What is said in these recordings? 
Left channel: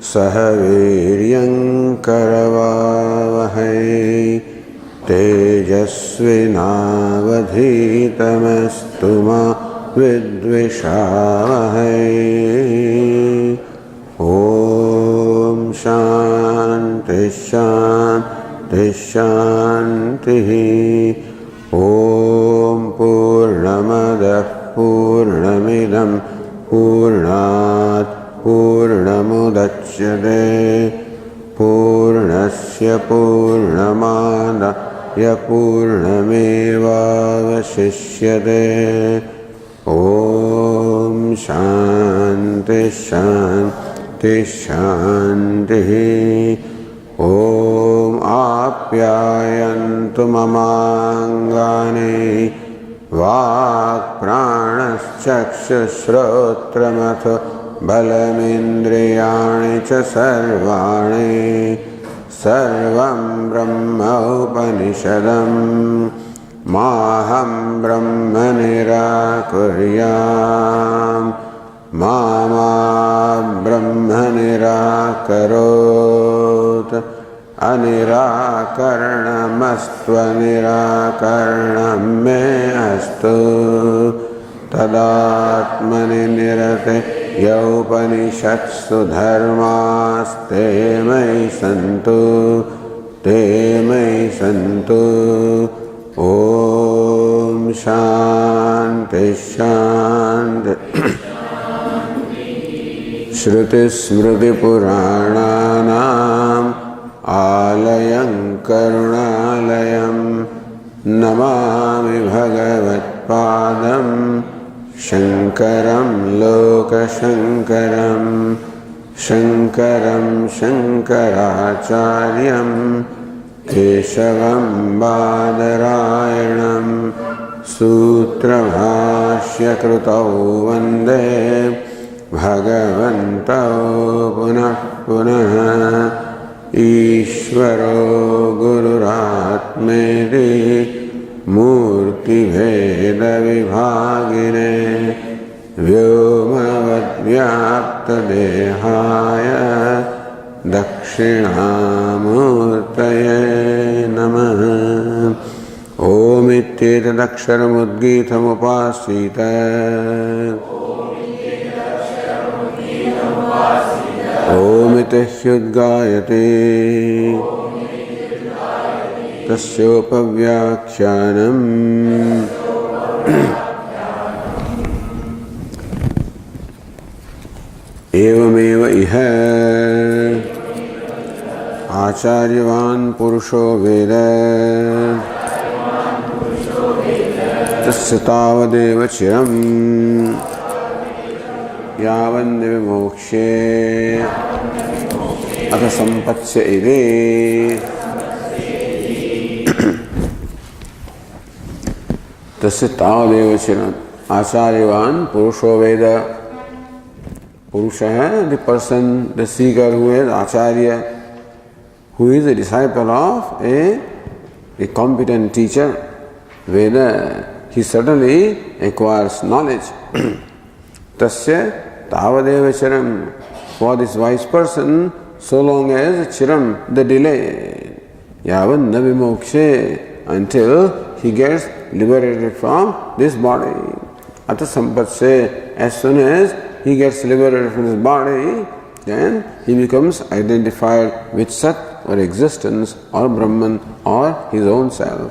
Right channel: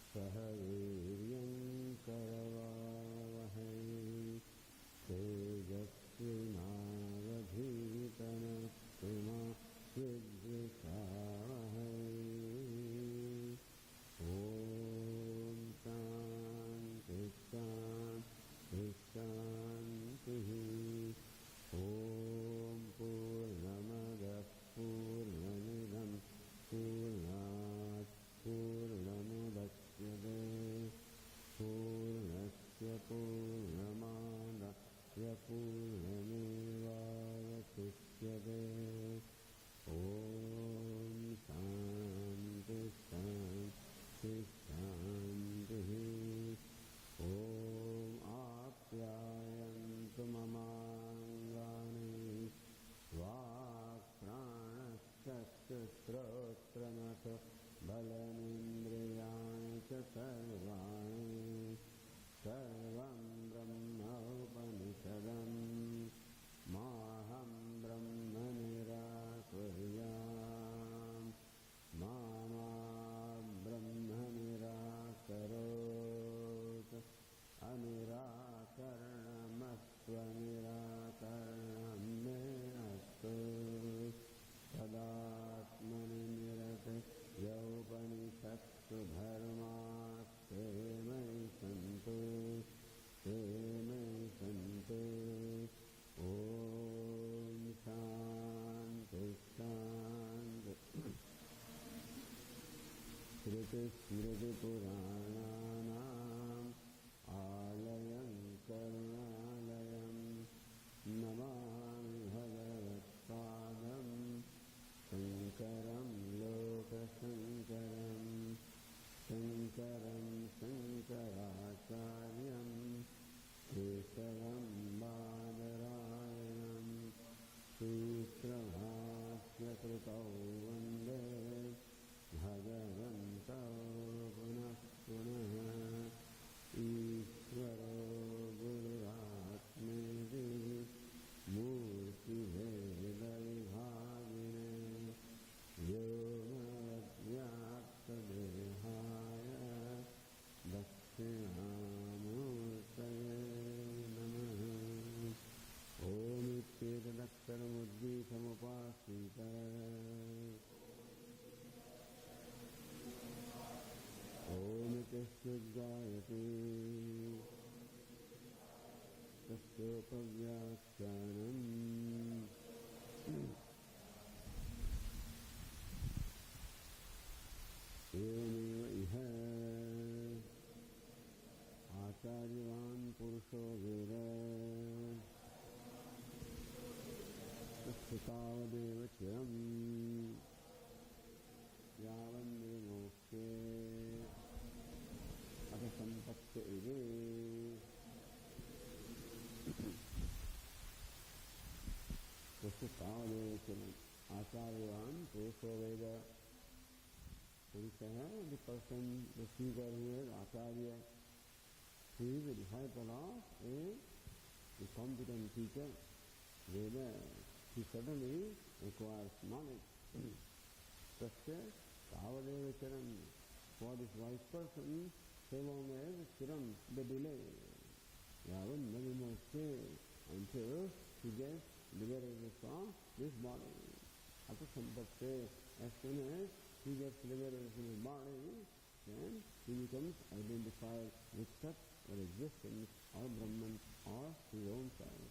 सह वीर्यं करवावहै तेजस्विनावधीतमस्तु मा विद्विषावहै। ॐ शान्ति शान्ति शान्तिः। ॐ पूर्णमदः पूर्णमिदं पूर्णात् पूर्णमुदच्यते पूर्णस्य पूर्णमादाय पूर्णमेवावशिष्यते। ॐ शान्ति शान्ति शान्तिः। ॐ आप्यायन्तु ममाङ्गानि वाक्प्राणश्चक्षुश्रोत्रमथो बलमिन्द्रियाणि च सर्वाणि सर्वं ब्रह्म उपनिषदं माहं ब्रह्म निराकुर्याम् मा ब्रह्म निराकरोत्। अनिराकरणमस्त्वनिराकरणं मे अस्तु तदात्मनि निरते यौपनिषत्सु धर्मास्ते मयि सन्तु ते मयि सन्तु। ॐ शान्ति शान्ति। श्रुतिस्मृतिपुराणानाम् आलयं करुणालयं नमामि भगवत्पादं शङ्करं लोकशङ्करं शङ्करं शङ्कराचार्यं केशवं बादरायणं सूत्रभाष्यकृतौ वन्दे भगवन्तौ पुनः पुनः। ईश्वरो गुरुरात्मेति मूर्तिभेदविभागिने व्योमवद्व्याप्तदेहाय दक्षिणामूर्तये नमः। ओमित्येतदक्षरमुद्गीतमुपासीत ओमिति ह्युद्गायते तस्योपव्याख्यानम्। एवमेव इह आचार्यवान् पुरुषो वेद तस्य तावदेव चिरम् यावन्निविमोक्ष्ये अथ सम्पत्स्य इति। तस्य तावदेव चिरम् आचार्यवान् पुरुषो वेद। पुरुष है the person, the seeker who is acharya, who is a disciple of a competent teacher. Veda, he certainly acquires knowledge. Tasya tavadeva chiram. For this wise person, so long as chiram, the delay, yavan navimokshe, until he gets liberated from this body. Ata sampatsya, as soon as he gets liberated from his body, then he becomes identified with Sat or existence or Brahman or his own self.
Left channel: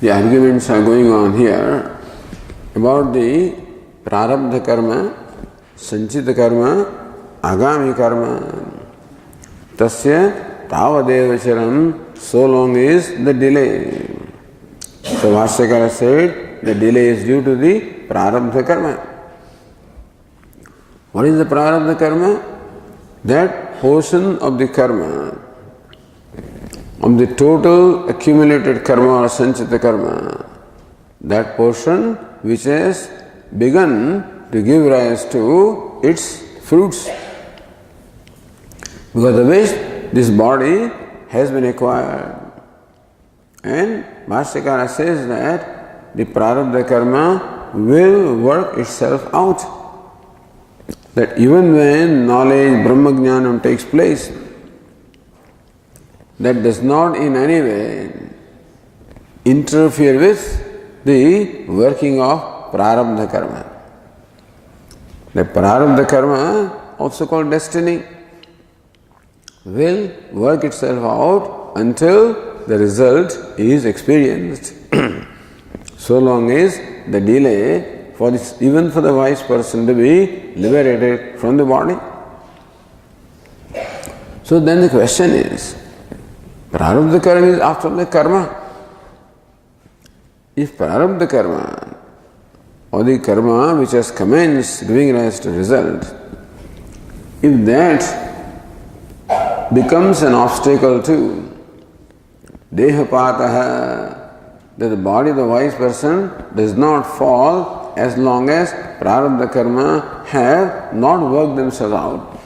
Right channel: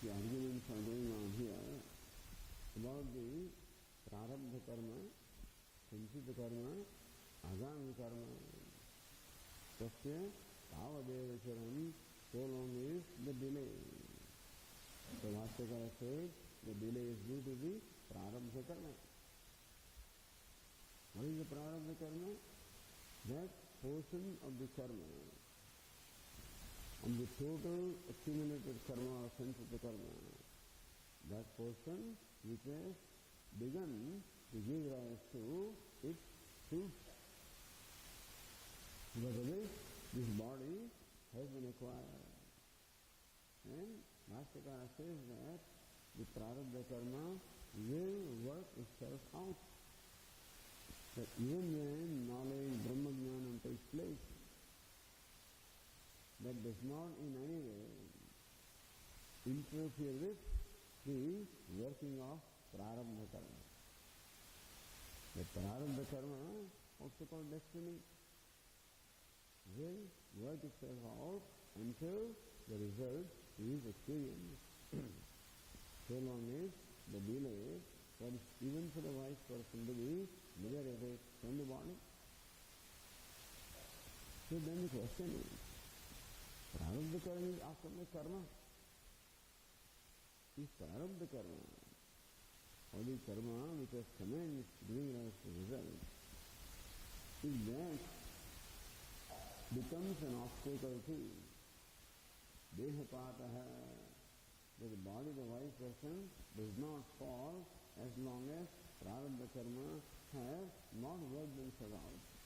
The arguments are going on here about the prarabdha karma, sanchita karma, agami karma. Tasya tavadeva charam, so long is the delay. So Bhashyakara said the delay is due to the prarabdha karma. What is the prarabdha karma? That portion of the karma, of the total accumulated karma or sanchita karma, that portion which has begun to give rise to its fruits. Because of which this body has been acquired. And Bhashyakara says that the prarabdha karma will work itself out. That even when knowledge, Brahmajnanam takes place, that does not in any way interfere with the working of prarabdha karma. The prarabdha karma, also called destiny, will work itself out until the result is experienced. So long as the delay for this, even for the wise person to be liberated from the body. So then the question is, prarabdha karma is after the karma. If prarabdha karma or the karma which has commenced giving rise to result, if that becomes an obstacle to dehapataha, that the body of the wise person does not fall as long as prarabdha karma have not worked themselves out.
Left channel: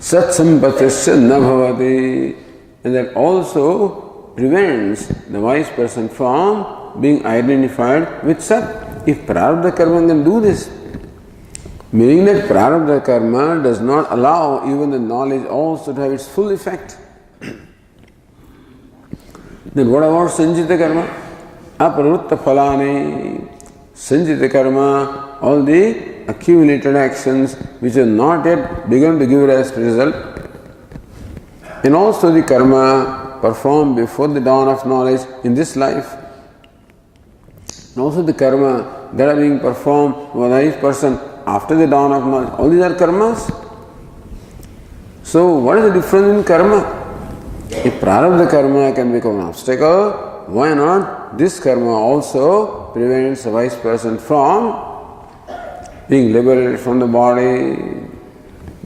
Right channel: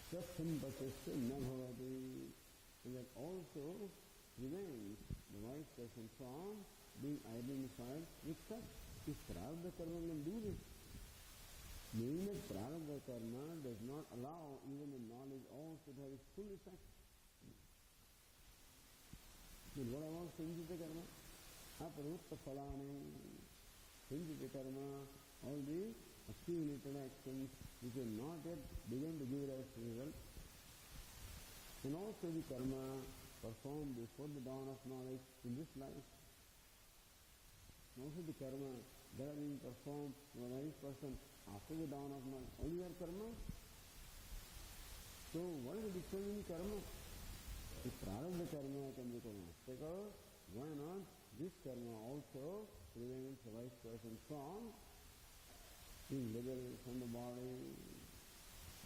Sat sampatisya na bhavati, and that also prevents the wise person from being identified with Sat. If prarabdha karma can do this, meaning that prarabdha karma does not allow even the knowledge also to have its full effect. Then what about sanjita karma? Aparutta phalani. Sanjita karma, all the accumulated actions which have not yet begun to give rise to result. And also the karma performed before the dawn of knowledge in this life. And also the karma that are being performed by the wise person after the dawn of knowledge. All these are karmas. So what is the difference in karma? If prarabdha karma can become an obstacle, why not this karma also prevents a wise person from being liberated from the body,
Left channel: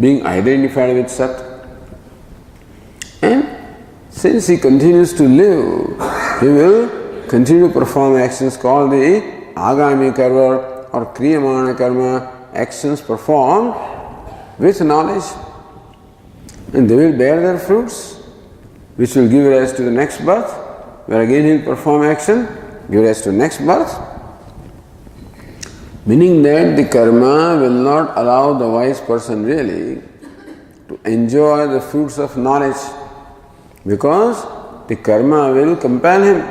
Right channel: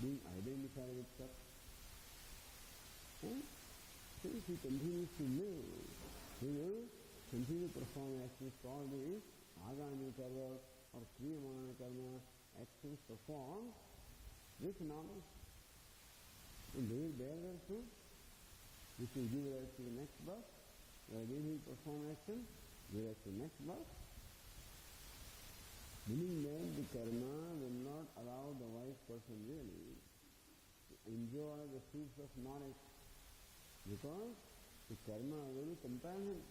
being identified with Sat. And since he continues to live, he will continue to perform actions called the agami karma or kriyamana karma, actions performed with knowledge, and they will bear their fruits, which will give rise to the next birth, where again he will perform action, give rise to next birth. Meaning that the karma will not allow the wise person really to enjoy the fruits of knowledge, because the karma will compel him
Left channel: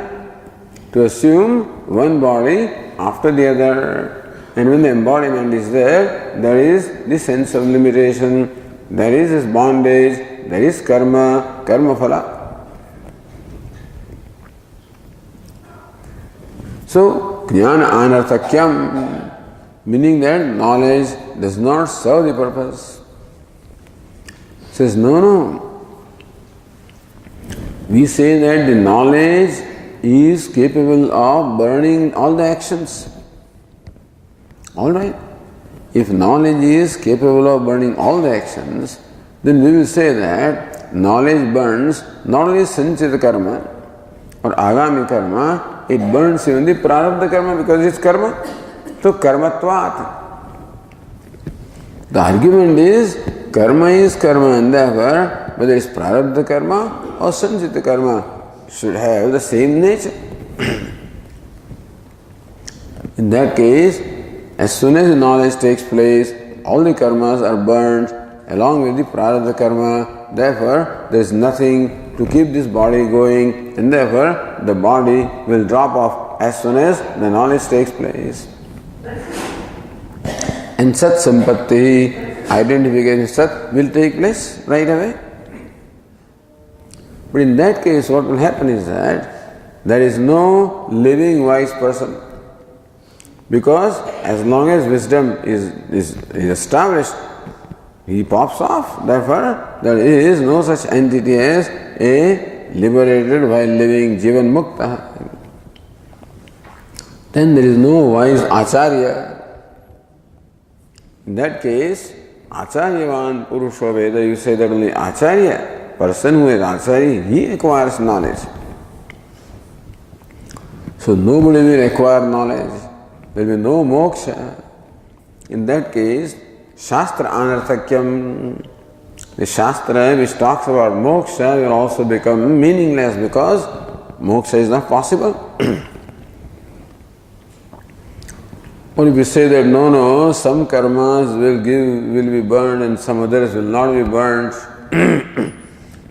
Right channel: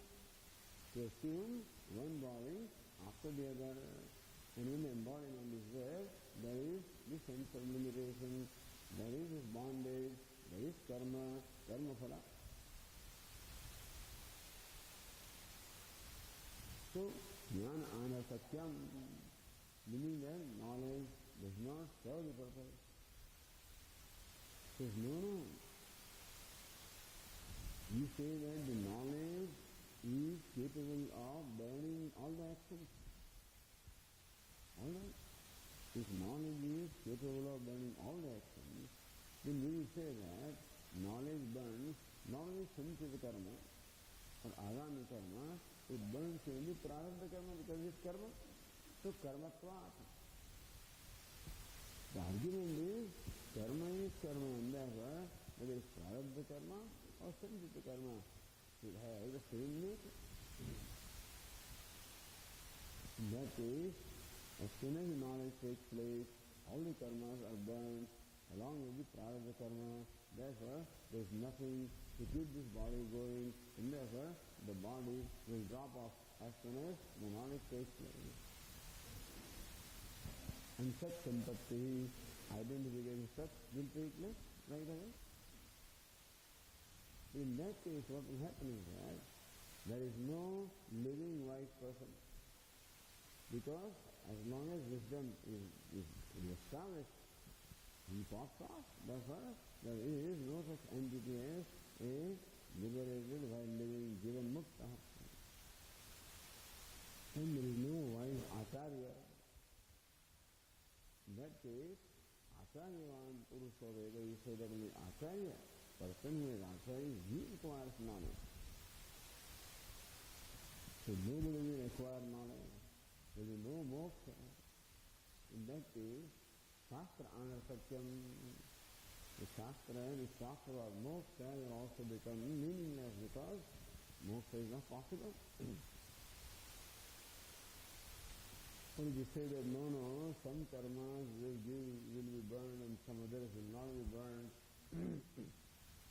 to assume one body after the other. And when the embodiment is there, there is the sense of limitation, there is this bondage, there is karma, karma phala. So, jnana anarthakyam, meaning that knowledge does not serve the purpose. Says, no. We say that the knowledge is capable of burning all the actions. Alright. If knowledge is capable of burning all the actions, then we will say that knowledge burns not only sanchita karma or agami karma, it burns even the prarabdha karma because it's karma. So karmatvat. The argument is karma and therefore whether it's prarabdha karma or sanchita karma should have the same nature. In that case, as soon as the knowledge takes place, all the karmas are burned along with the prarabdha karma. Therefore, there is nothing to keep this body going, and therefore the body will drop off as soon as the knowledge takes place. And Sat Sampatti, identification of Sat, will take place right away. But in that case, what will happen is that there is no living wise person. Because as long as wisdom is established, he pops off. Therefore, there is no such entity as a liberated while living Jivan Mukta. Then there is no wise Acharya. In that case, Acharyavan Purusha Veda, you say that only Acharya, person who is Acharya, he acquires knowledge. So nobody will acquire knowledge. There will be no moksha. In that case, Shastra Anarthakyam, the Shastra which talks about moksha will also become meaningless because moksha is not possible. Or if you say that no, some karmas will be burned and some others will not be burned,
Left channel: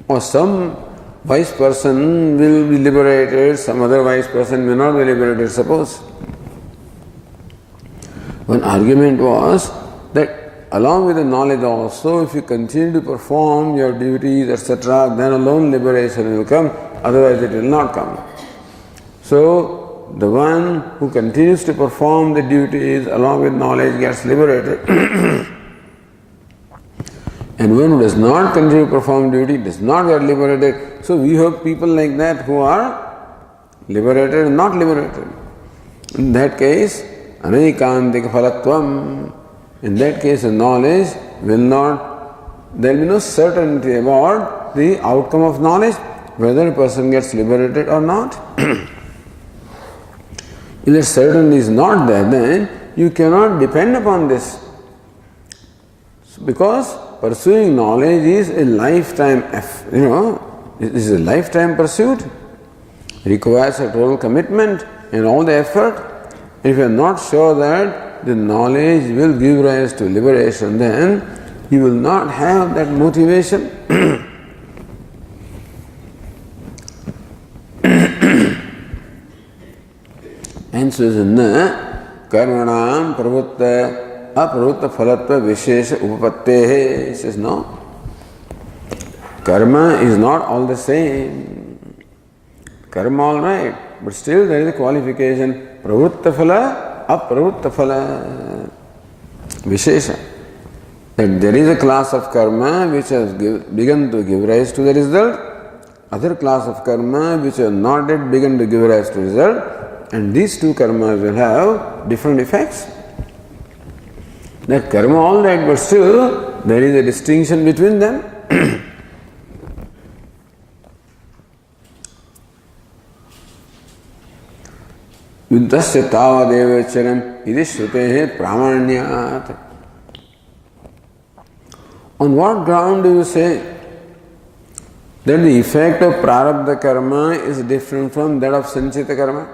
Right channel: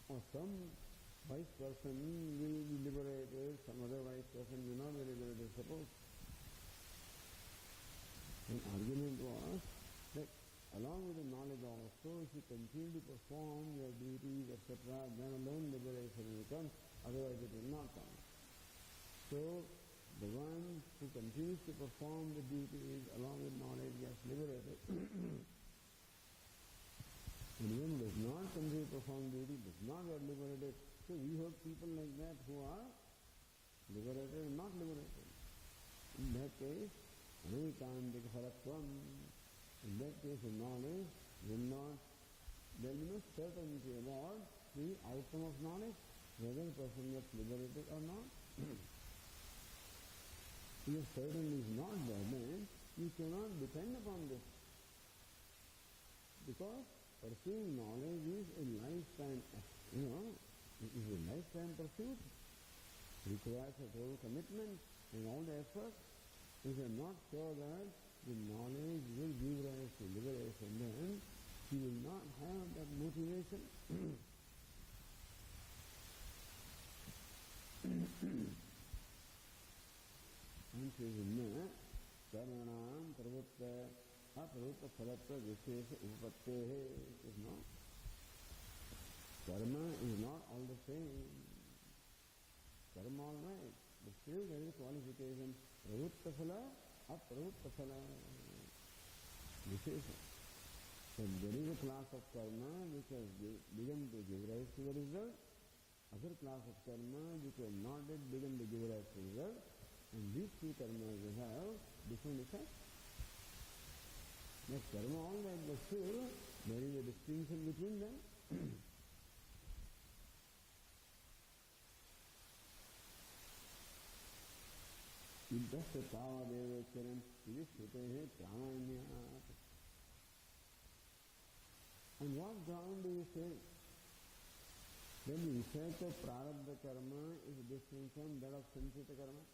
or some wise person will be liberated, some other wise person may not be liberated, suppose. One argument was that along with the knowledge also, if you continue to perform your duties, etc., then alone liberation will come, otherwise it will not come. So, the one who continues to perform the duties along with knowledge gets liberated. And one who does not continue to perform duty does not get liberated. So we have people like that who are liberated and not liberated. In that case, anaikantika phalatvam. In that case, the knowledge will not, there will be no certainty about the outcome of knowledge, whether a person gets liberated or not. If the certainty is not there, then you cannot depend upon this. Because pursuing knowledge is a lifetime, it is a lifetime pursuit. It requires a total commitment and all the effort. If you are not sure that the knowledge will give rise to liberation, then you will not have that motivation. And so na karmanam pravutta apravutta phalatva vishesha upapattehe. He says no. Karma is not all the same. Karma all right, but still there is a qualification. Pravutta phala, apravutta phala. Vishesha. That there is a class of karma which has begun to give rise to the result, other class of karma which has not yet begun to give rise to the result, and these two karmas will have different effects. That karma all right, but still there is a distinction between them. Yuddhasya tavadeva charam iti shrutehe pramanyat. On what ground do you say that the effect of prarabdha karma is different from that of sanchita karma?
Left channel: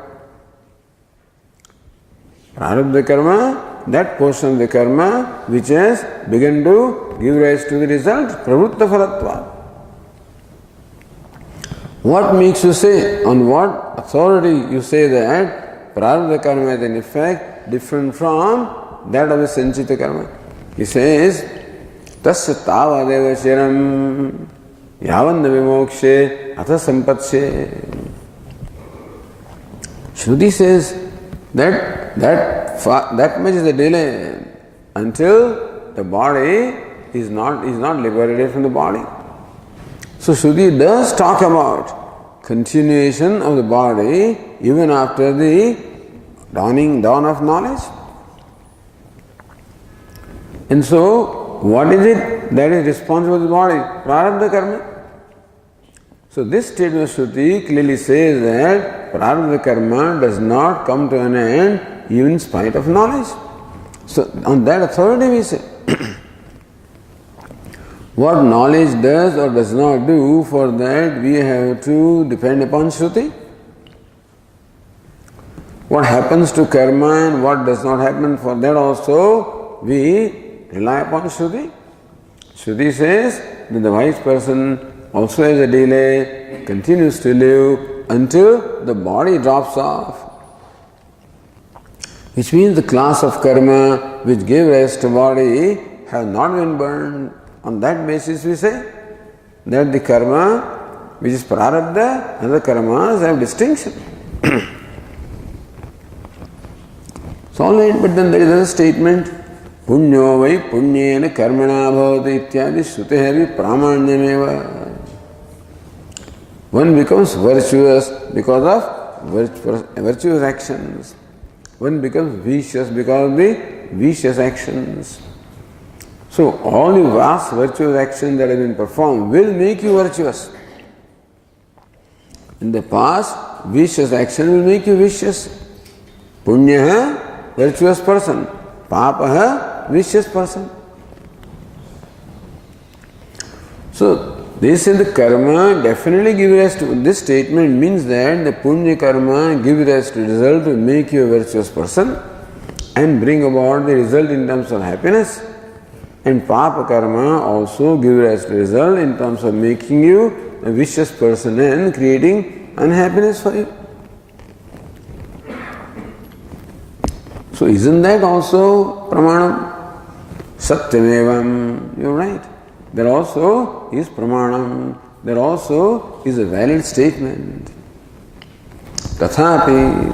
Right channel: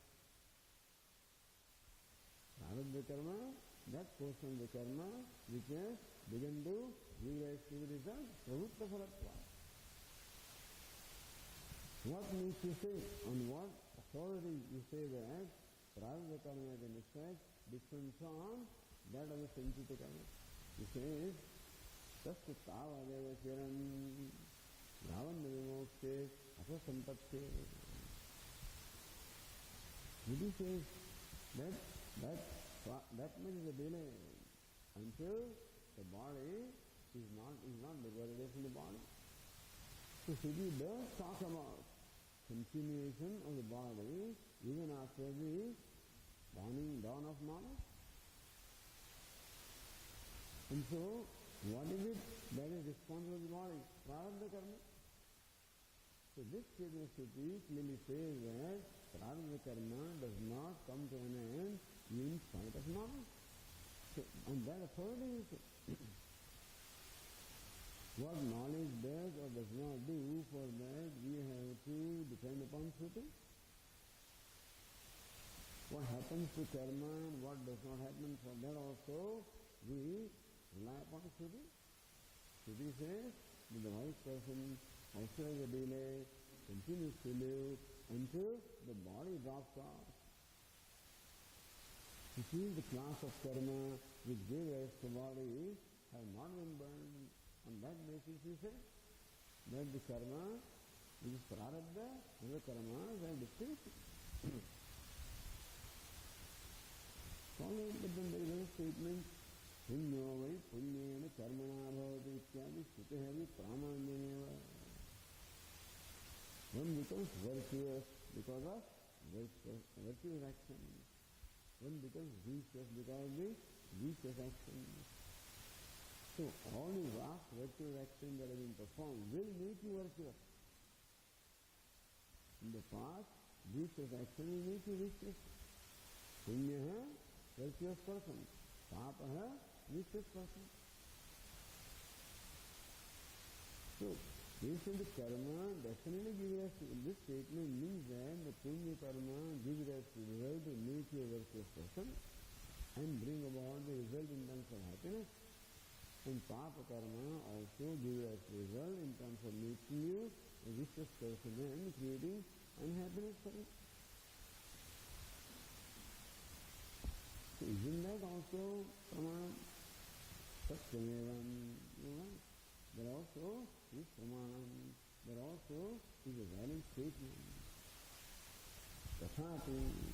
Prarabdha karma, that portion of the karma which has begun to give rise to the result, pravutta phalatva. What makes you say, on what authority you say that prarabdha karma is an effect different from that of the sanchita karma? He says, tasya tavadeva chiram yavanna vimokshe atha sampatsye. Shruti says that much is the delay until the body is not liberated from the body. So Shruti does talk about continuation of the body even after the dawn of knowledge. And so, what is it that is responsible for the body? Prarabdha karma. So this statement of Shruti clearly says that prarabdha karma does not come to an end even in spite of knowledge. So on that authority we say, what knowledge does or does not do, for that we have to depend upon Shruti. What happens to karma and what does not happen, for that also we rely upon Shruti. Shruti says that the wise person also has a delay, continues to live until the body drops off. Which means the class of karma which gave rise to body have not been burned. On that basis we say that the karma which is prarabdha and the karmas have distinction. So all right, but then there is a statement, punyo vai punyena karmana bhavati ityadi shrutehavi pramanyameva. One becomes virtuous because of virtuous actions. One becomes vicious because of the vicious actions. So all the vast virtuous actions that have been performed will make you virtuous. In the past, vicious action will make you vicious. Punyaha, virtuous person. Papaha, vicious person. So this is the karma definitely give rise to, this statement means that the punya karma give rise to result to make you a virtuous person and bring about the result in terms of happiness, and papa karma also give rise to result in terms of making you a vicious person and creating unhappiness for you. So isn't that also pramanam? Satyamevam, you're right. There also is pramanam. There also is a valid statement. Tathapi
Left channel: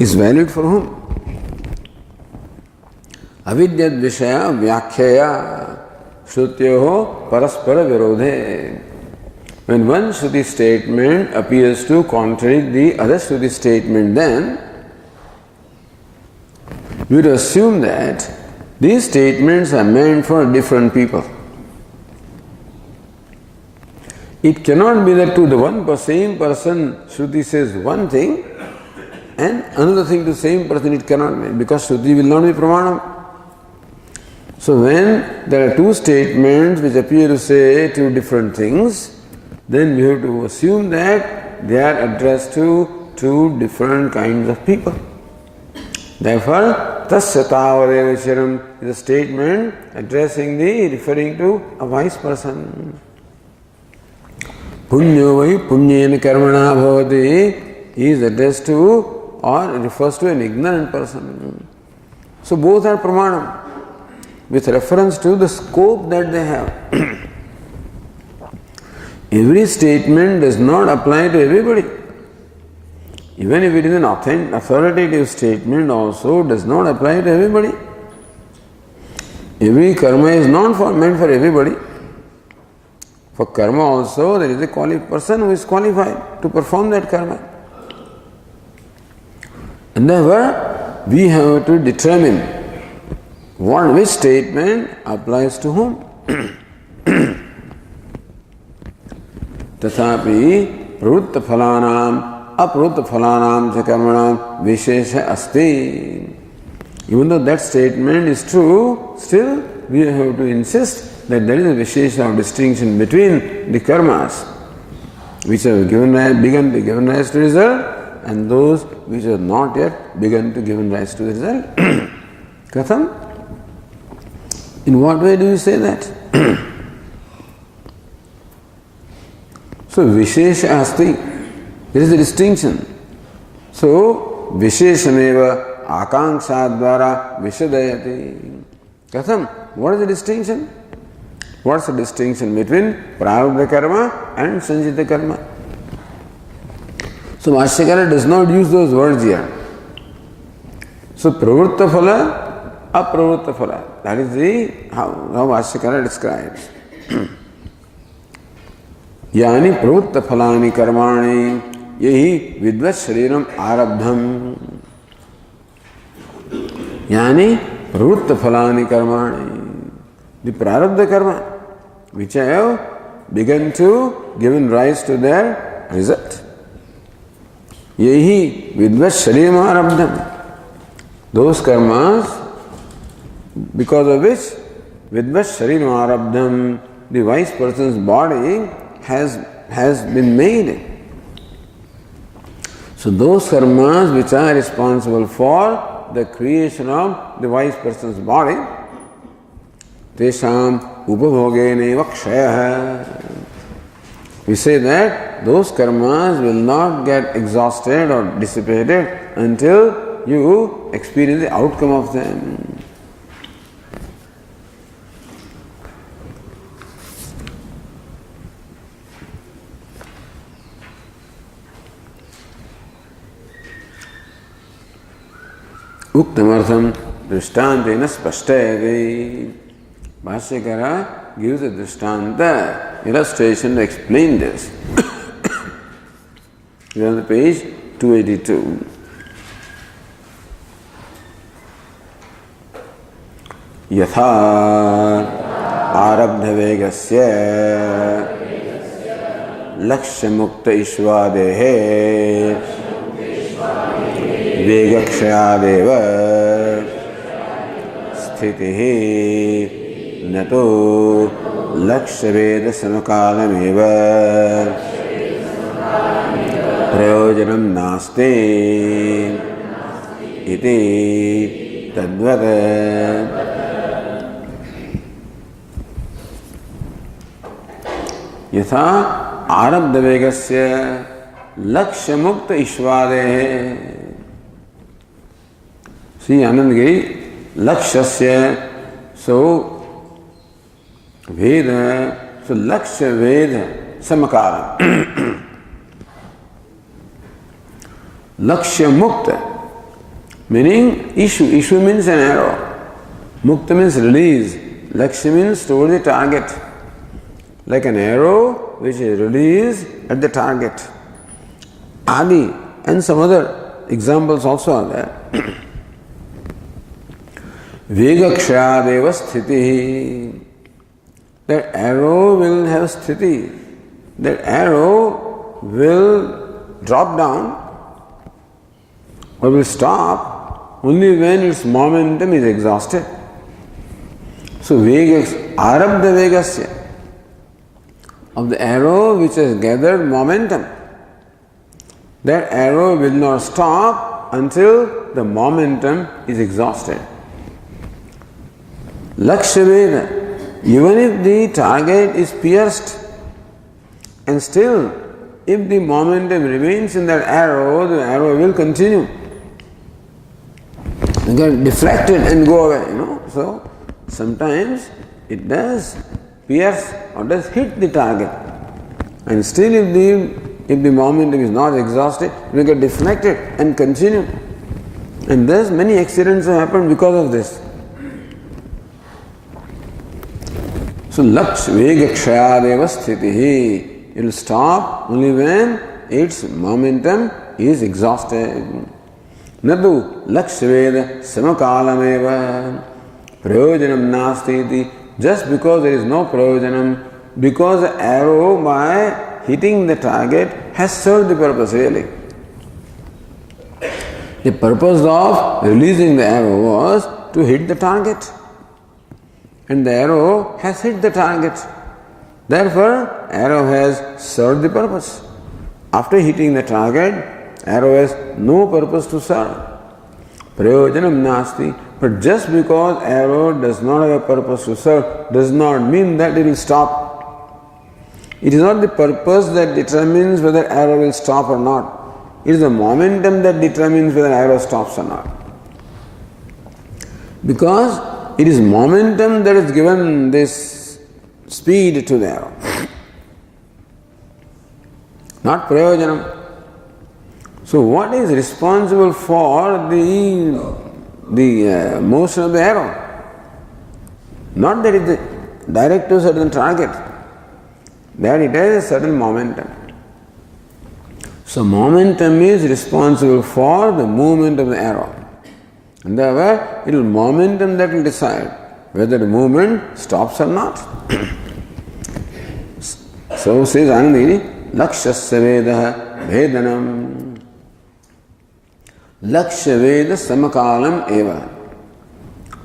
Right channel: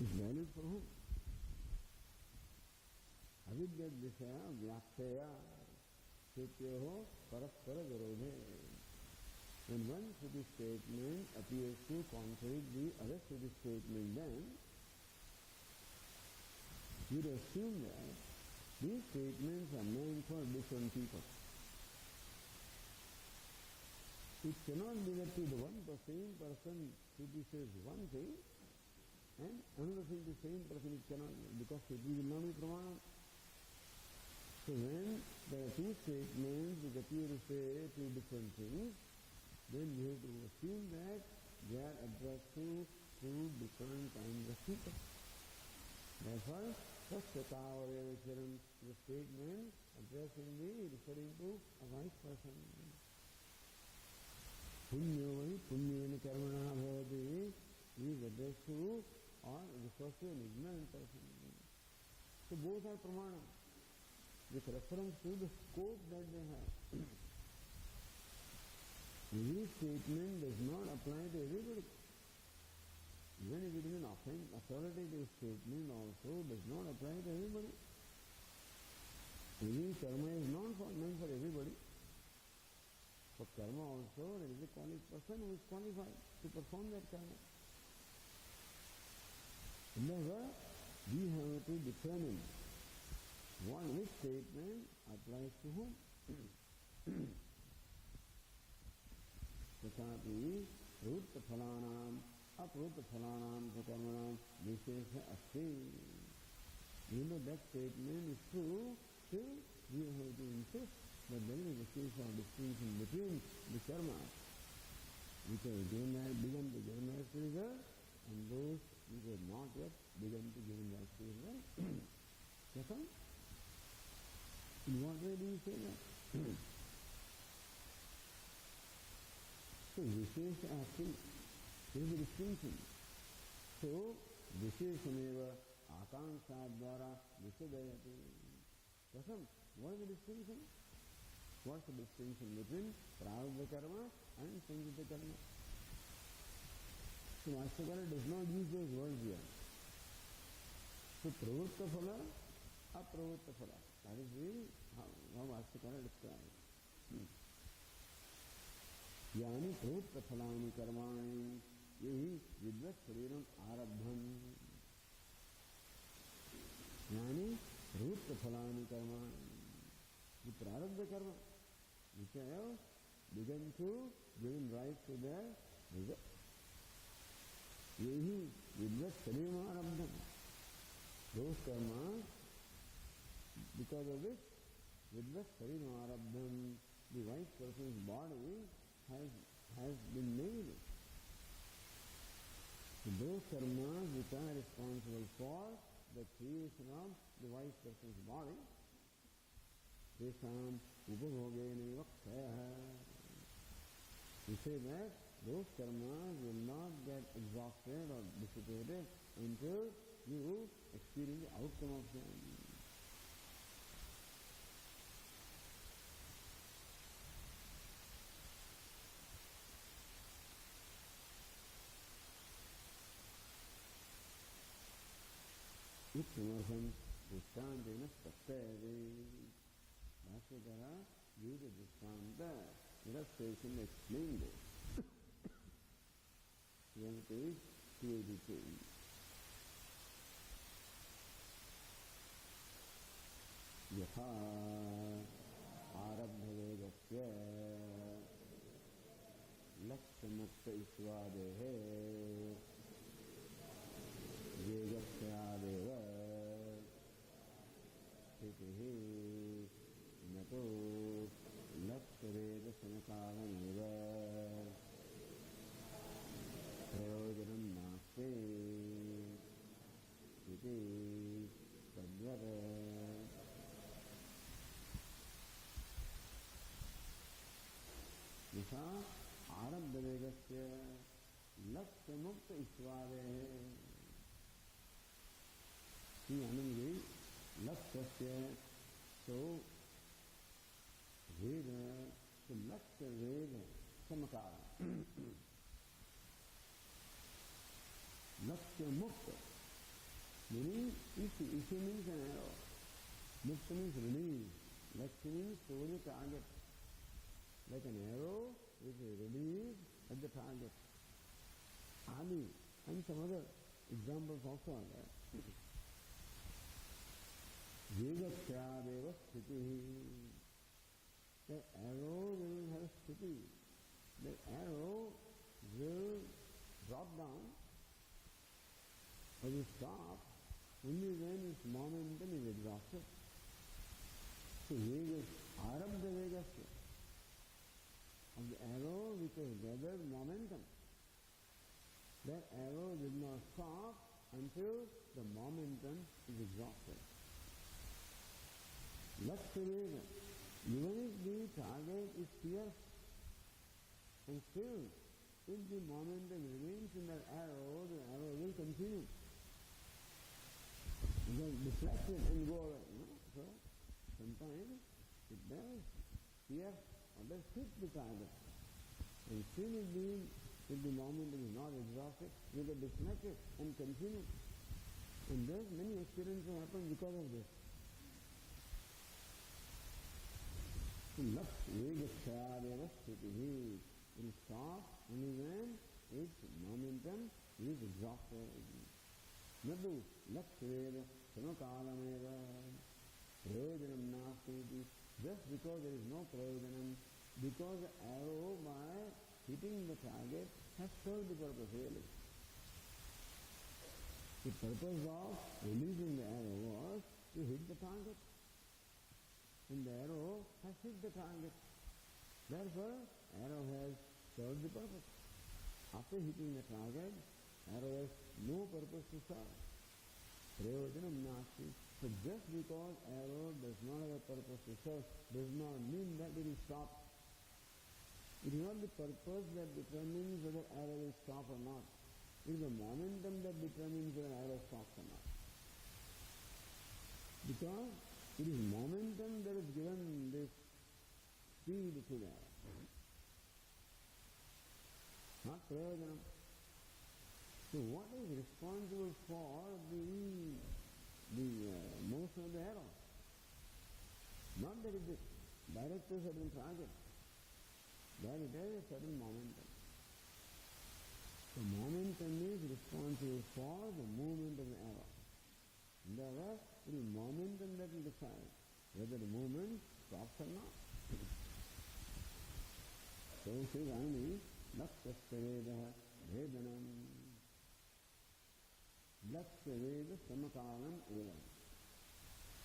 is valid for whom? Avidyad vishaya vyakhyaya shrutyoho paraspara virodhe. When one Shruti statement appears to contradict the other Shruti statement, then we would assume that these statements are meant for different people. It cannot be that to the same person Shruti says one thing and another thing to the same person it cannot be, because Shruti will not be pramanam. So when there are two statements which appear to say two different things, then we have to assume that they are addressed to two different kinds of people. Therefore, tasya tavareva chiram is a statement referring to a wise person. Punyo vai punyena karmana bhavati is addressed to or refers to an ignorant person. So both are pramanam with reference to the scope that they have. Every statement does not apply to everybody. Even if it is an authoritative statement, also does not apply to everybody. Every karma is not meant for everybody. For karma also, there is a person who is qualified to perform that karma. And therefore, we have to determine which statement applies to whom. Tathapi pravutta phalanam aprutta phalanam cha karmanam vishesha asti. Even though that statement is true, still we have to insist that there is a vishesha of distinction between the karmas which have begun to give rise to result and those which have not yet begun to give rise to the result. Katham? In what way do you say that? So vishesha asti. There is a distinction. So visheshameva akanksha-dvara vishadayati. Katham? What is the distinction? What's the distinction between prarabdha karma and sanjita karma? So Bhashyakara does not use those words here. So pravritta phala, apravritta phala. That is how Bhashyakara describes. Yani pravritta phalani karmani yahi vidvat shariram arabdham. Yani pravritta phalani karmani. The prarabdha karma which have begun to given rise to their result. Yahi vidvat shariram arabdham. Those karmas because of which vidvat shariram arabdham, the wise person's body has been made. So those karmas which are responsible for the creation of the wise person's body, tesham upabhogeneva kshayah. We say that those karmas will not get exhausted or dissipated until you experience the outcome of them. Uktamartham drishtantena spashtayate. Bhashyakara gives a drishtanta illustration to explain this. We are on the page 282. Yatha arabdha vegasya lakshya mukta ishvadehe vegakshayadeva sthitihi nato लक्ष्य वेद समकालमेव प्रयोजनं नास्ति इति तद्वत्। यथा आरब्ध वेगस्य लक्ष्य मुक्त ईश्वादेः। श्री आनंदगिरी लक्ष्यस्य सो वेद, सो लक्ष्य वेद समकालम। लक्ष्य मुक्त meaning issue means an arrow, mukta means release, lakshya means toward the target, like an arrow which is released at the target. Adi and some other examples also are there. Vegakshayadeva sthiti, that arrow will have sthiti, that arrow will drop down or will stop only when its momentum is exhausted. So arabdha vegasya, of the arrow which has gathered momentum, that arrow will not stop until the momentum is exhausted. Lakshya veda, even if the target is pierced and still if the momentum remains in that arrow, the arrow will continue. It get deflected and go away, So sometimes it does pierce or does hit the target. And still if the momentum is not exhausted, it will get deflected and continue. And thus many accidents have happened because of this. So laksh vegakshayadeva sthitihi, it will stop only when its momentum is exhausted. Nadu lakshya veda samakalameva prayojanam nasti iti. Just because there is no prayojanam, because the arrow by hitting the target has served the purpose really. The purpose of releasing the arrow was to hit the target. And the arrow has hit the target. Therefore, arrow has served the purpose. After hitting the target, arrow has no purpose to serve. Prayojanam nasti. But just because arrow does not have a purpose to serve does not mean that it will stop. It is not the purpose that determines whether arrow will stop or not. It is the momentum that determines whether arrow stops or not. Because it is momentum that has given this speed to the arrow, not prayojanam. So what is responsible for the motion of the arrow? Not that it is direct to a certain target, that it has a certain momentum. So momentum is responsible for the movement of the arrow. And therefore, it will momentum that will decide whether the movement stops or not. So says Anandagiri, Lakshasya Veda Vedanam. Lakshya Veda Samakalam Eva.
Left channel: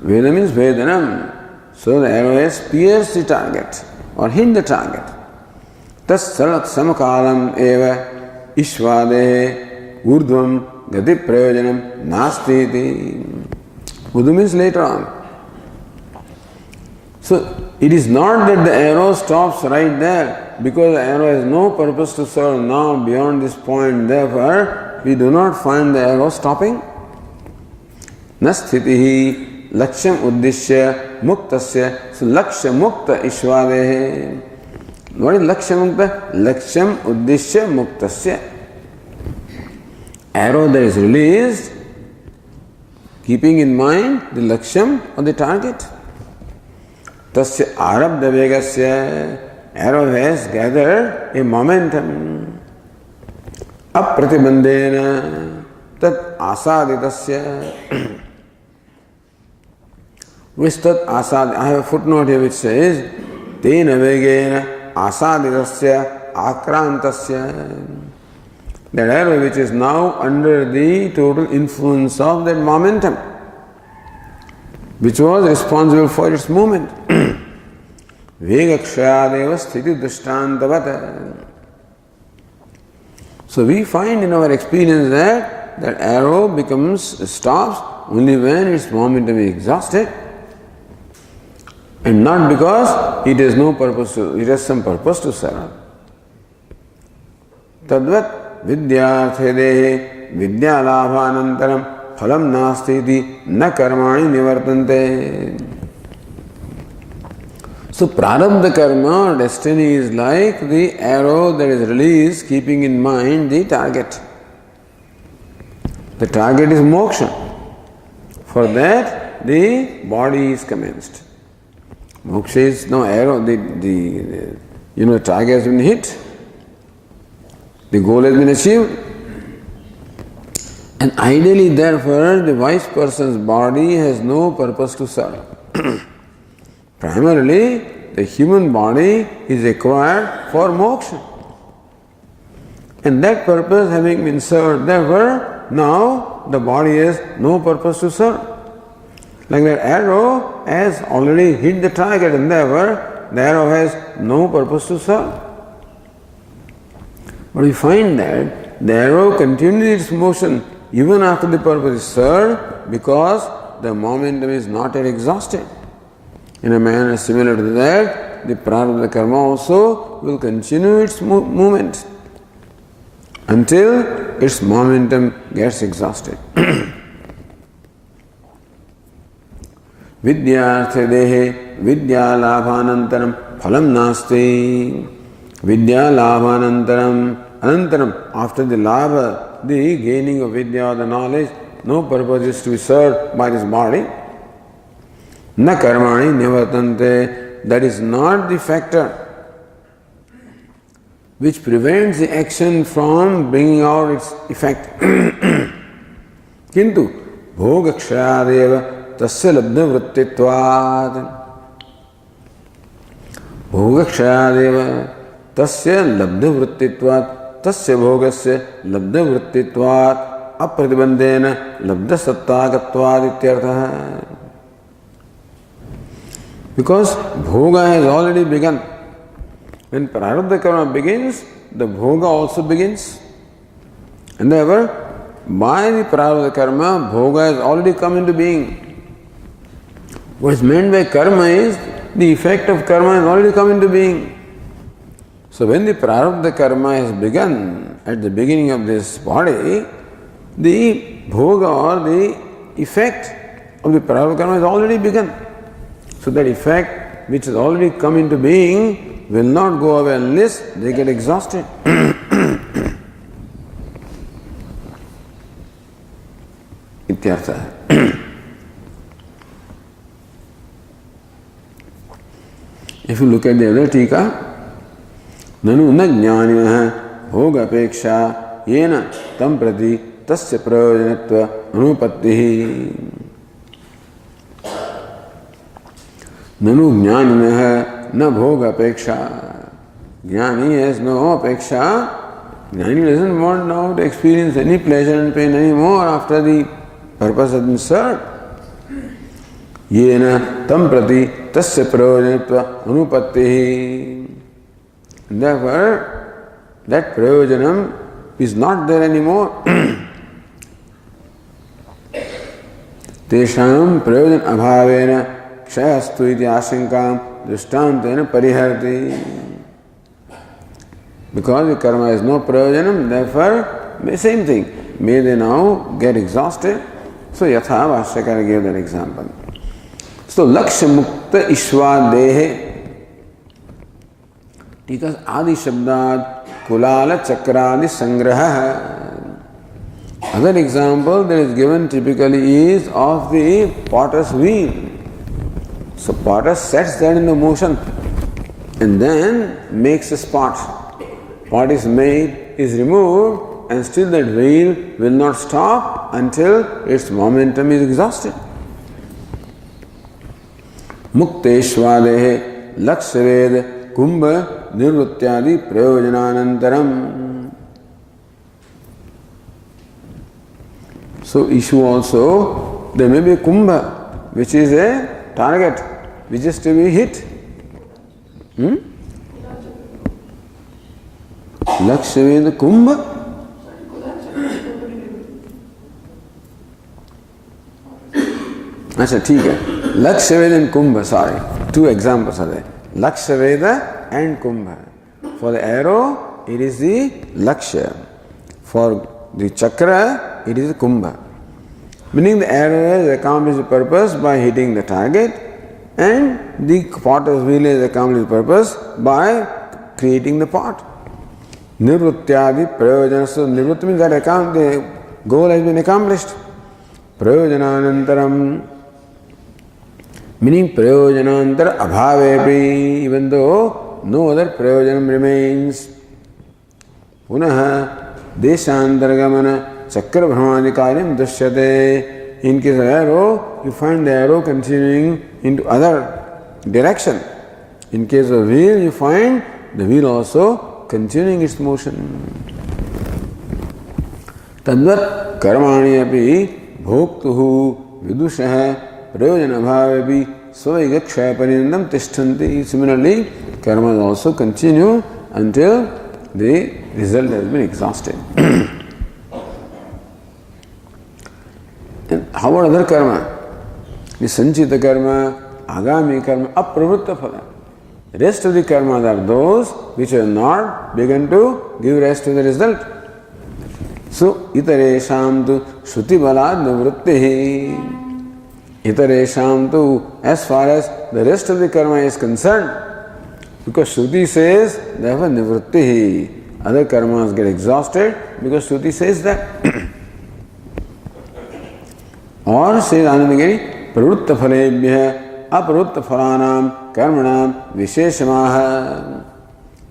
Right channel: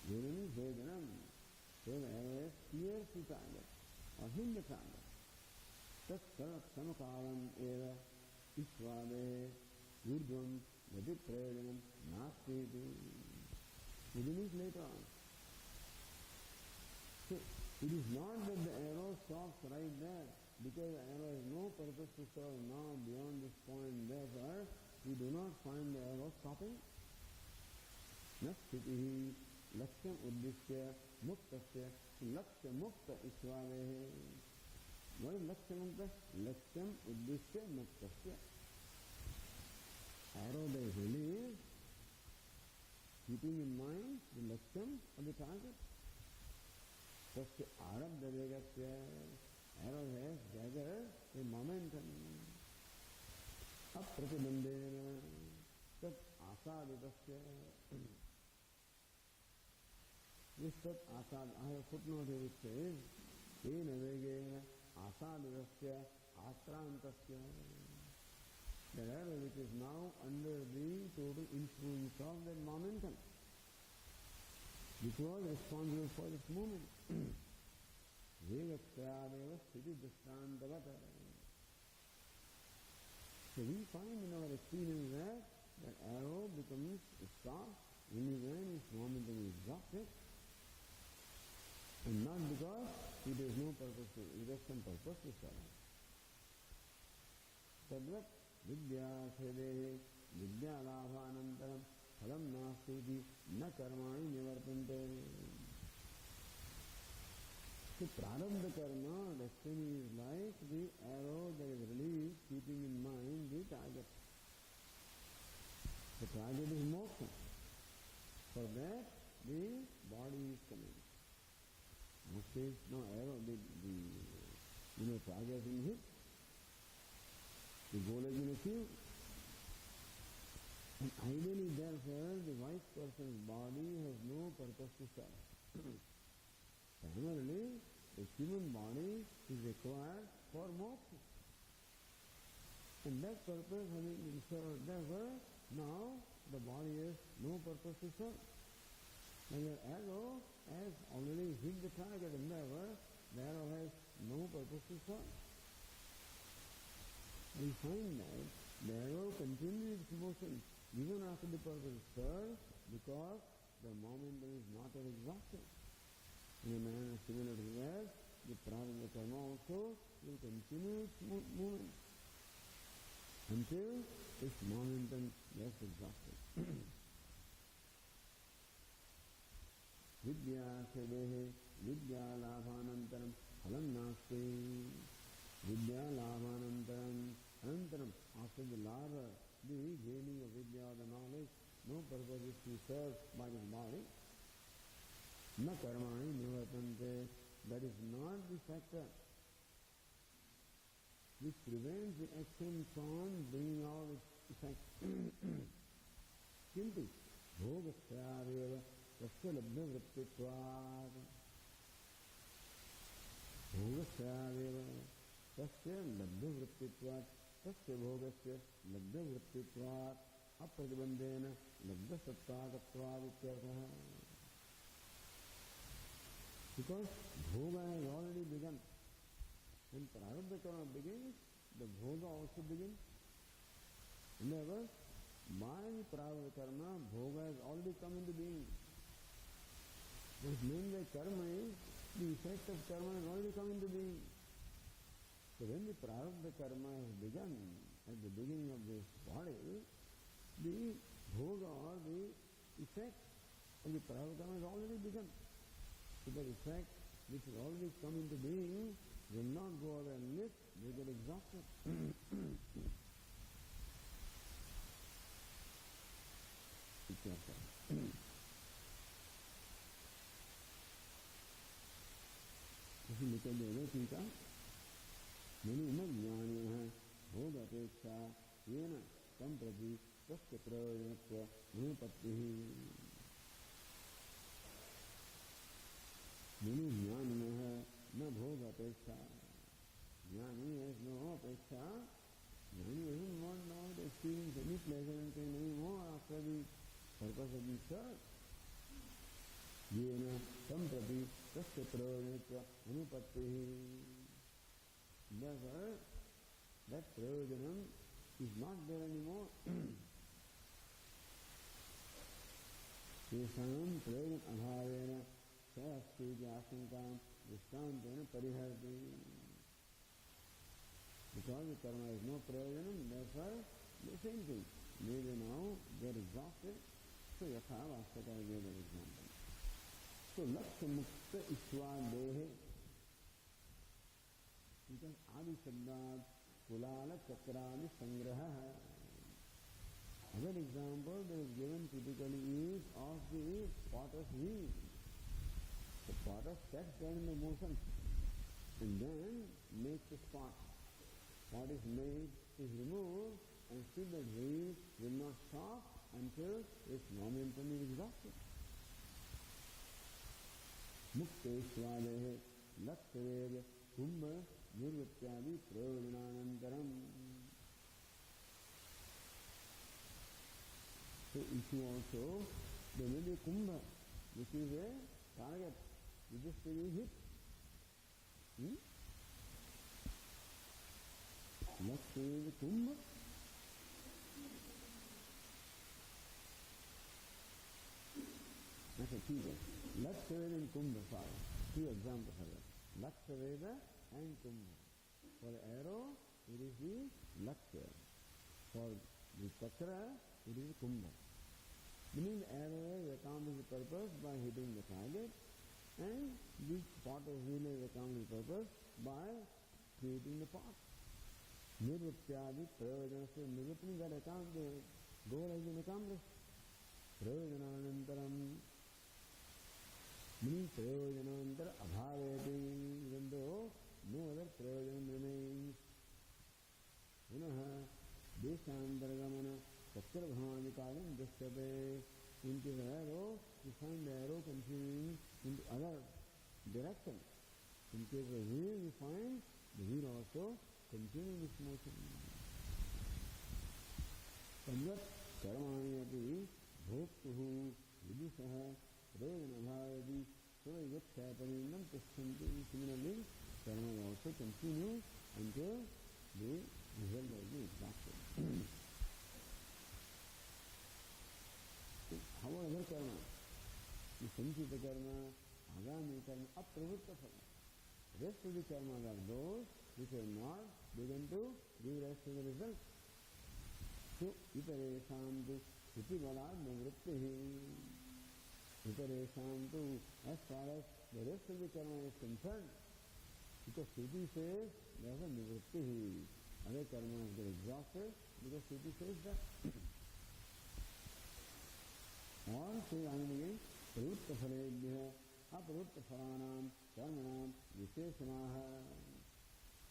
Veda means Vedanam. So the arrow has pierced the target or hit the target. Tas Sarak Samakalam Eva Ishvadehe Urdhvam Gati Prayojanam Nasti iti. Urdhva means later on. So it is not that the arrow stops right there because the arrow has no purpose to serve now beyond this point. Therefore, we do not find the arrow stopping. Nasthitihi lakshyam uddishya muktasya. So lakshya mukta ishvadehe. What is lakshya mukta? Lakshyam uddishya muktasya. Arrow that is released, keeping in mind the lakshyam or the target. Tasya arabdha vegasya, arrow has gathered a momentum. Apratibandena tat asaditasya. Which tat asad, I have a footnote here which says tena vegena asaditasya akrantasya. That arrow which is now under the total influence of that momentum, which was responsible for its movement. Vegakshayadeva sthiti drishtantavata. So we find in our experience that arrow stops only when its momentum is exhausted, and not because it has some purpose to serve. Tadvat vidyarthe dehe vidyalabhanantaram phalam nasti iti na karmani nivartante. So prarabdha karma, destiny, is like the arrow that is released keeping in mind the target. The target is moksha. For that the body is commenced. Moksha is no arrow, the target has been hit. The goal has been achieved. And ideally, therefore, the wise person's body has no purpose to serve. Primarily, the human body is required for moksha. And that purpose having been served, therefore, now the body has no purpose to serve. Like that arrow has already hit the target, and therefore the arrow has no purpose to serve. But we find that the arrow continues its motion even after the purpose is served, because the momentum is not yet exhausted. In a manner similar to that, the prarabdha karma also will continue its movement until its momentum gets exhausted. Vidyarthe dehe vidyalabhanantaram phalam nasti. Vidyalabhanantaram, anantaram, after the labha, the gaining of vidya, the knowledge, no purpose is to be served by this body. Na karmani nivartante, that is not the factor which prevents the action from bringing out its effect. Kintu bhogakshayadeva tasya labdha vrittitvat. Bhogakshayadeva tasya labdha vrittitvat, tasya bhogasya labdha vrittitvat, apratibandhena labdha sattakatvat ityartha. Because bhoga has already begun. When prarabdha karma begins, the bhoga also begins. And therefore, by the prarabdha karma, bhoga has already come into being. What is meant by karma is the effect of karma has already come into being. So when the prarabdha karma has begun at the beginning of this body, the bhoga or the effect of the prarabdha karma has already begun. So that effect which has already come into being will not go away unless they get exhausted. Ityartha. If you look at the other tika, nanu na jnanimaha bhogapeksha yena tam prati tasya prayojanatva anupattihi. Nanu jnanimaha na bhogapeksha. Jnani has no apeksha. Jnani doesn't want now to experience any pleasure and pain anymore after the purpose has been served. Yena tam prati tasya prayojanatva anupattihi. Therefore, that prayojanam is not there anymore. Tesham prayojan abhavena kshayastu iti ashankam drishtantena pariharti. Because the karma has no prayojanam, therefore, same thing. May they now get exhausted. So yatha Bhashyakara gave that example. So lakshya mukta ishwadehe. Because adi shabdad kulala chakradi sangraha. Other example that is given typically is of the potter's wheel. So potter sets that in the motion and then makes a spot. Pot is made, is removed, and still that wheel will not stop until its momentum is exhausted. Mukteshvadehe lakshved kumbha nirvrityadi prayojananantaram. So issue also, there may be a kumbha, which is a target, which is to be hit. लक्ष्यवेद कुंभ, अच्छा ठीक है, Lakshyaved and Kumbh, sorry, two examples are there. Lakshya and Kumbha. For the arrow, it is the Lakshya. For the chakra, it is the Kumbha. Meaning the arrow has accomplished the purpose by hitting the target, and the potter's wheel has accomplished the purpose by creating the pot. Nivrutyadi prayojana. So nivrutti means that the goal has been accomplished. Prayojananantaram, meaning prayojanantar abhavepi, even though no other prayojanam remains. Punaha deshantargamana chakra brahmanikaryam dushyate. In case of arrow, you find the arrow continuing into other direction. In case of wheel, you find the wheel also continuing its motion. Tadvat karmani api bhoktuhu vidushaha prayojana bhavepi svaigaksha parinandam tishtanti. Similarly, karmas also continue until the result has been exhausted. And how about other karma? The sanchita karma, agami karma, apravritta phala. The rest of the karmas are those which have not begun to give rise to the result. So, itaresham tu shruti balad nivrittihi. Itaresham tu, as far as the rest of the karma is concerned, because Shruti says, therefore nivrittihi. Other karmas get exhausted because Shruti says that. Or says Anandagiri, pravritta phalebhya apravritta phalanam karmanam visheshamaha.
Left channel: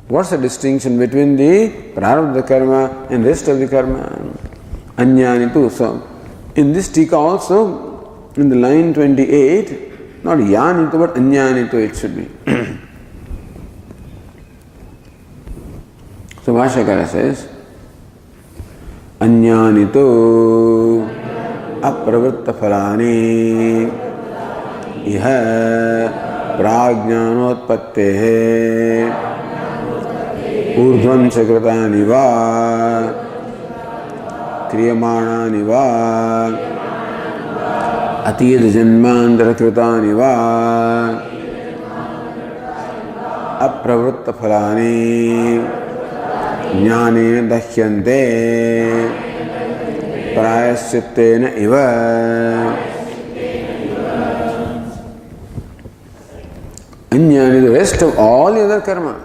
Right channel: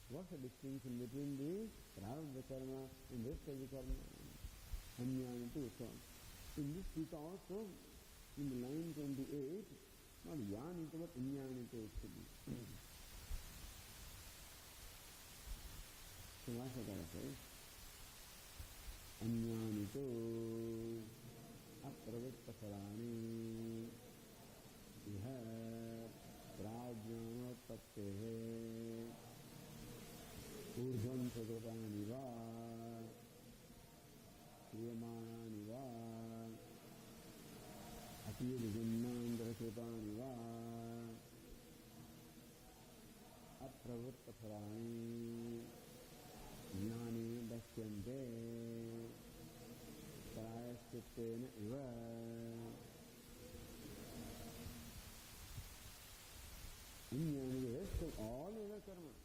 What's the distinction between the prarabdha karma and rest of the karma? Anyanitu. So, in this tika also, in the line 28, not yanitu but anyanitu it should be. So, Bhashyakara says, anyanitu apravritta phalani iha prajnanotpattehe ऊर्ध्वं च कृतानि वा क्रियमाणानि वा अतीत जन्मांतर कृतानि वा अप्रवृत्त फलानि ज्ञानेन दह्यन्ते प्रायश्चित्तेन इव. अन्यानि, the rest of all the other karma,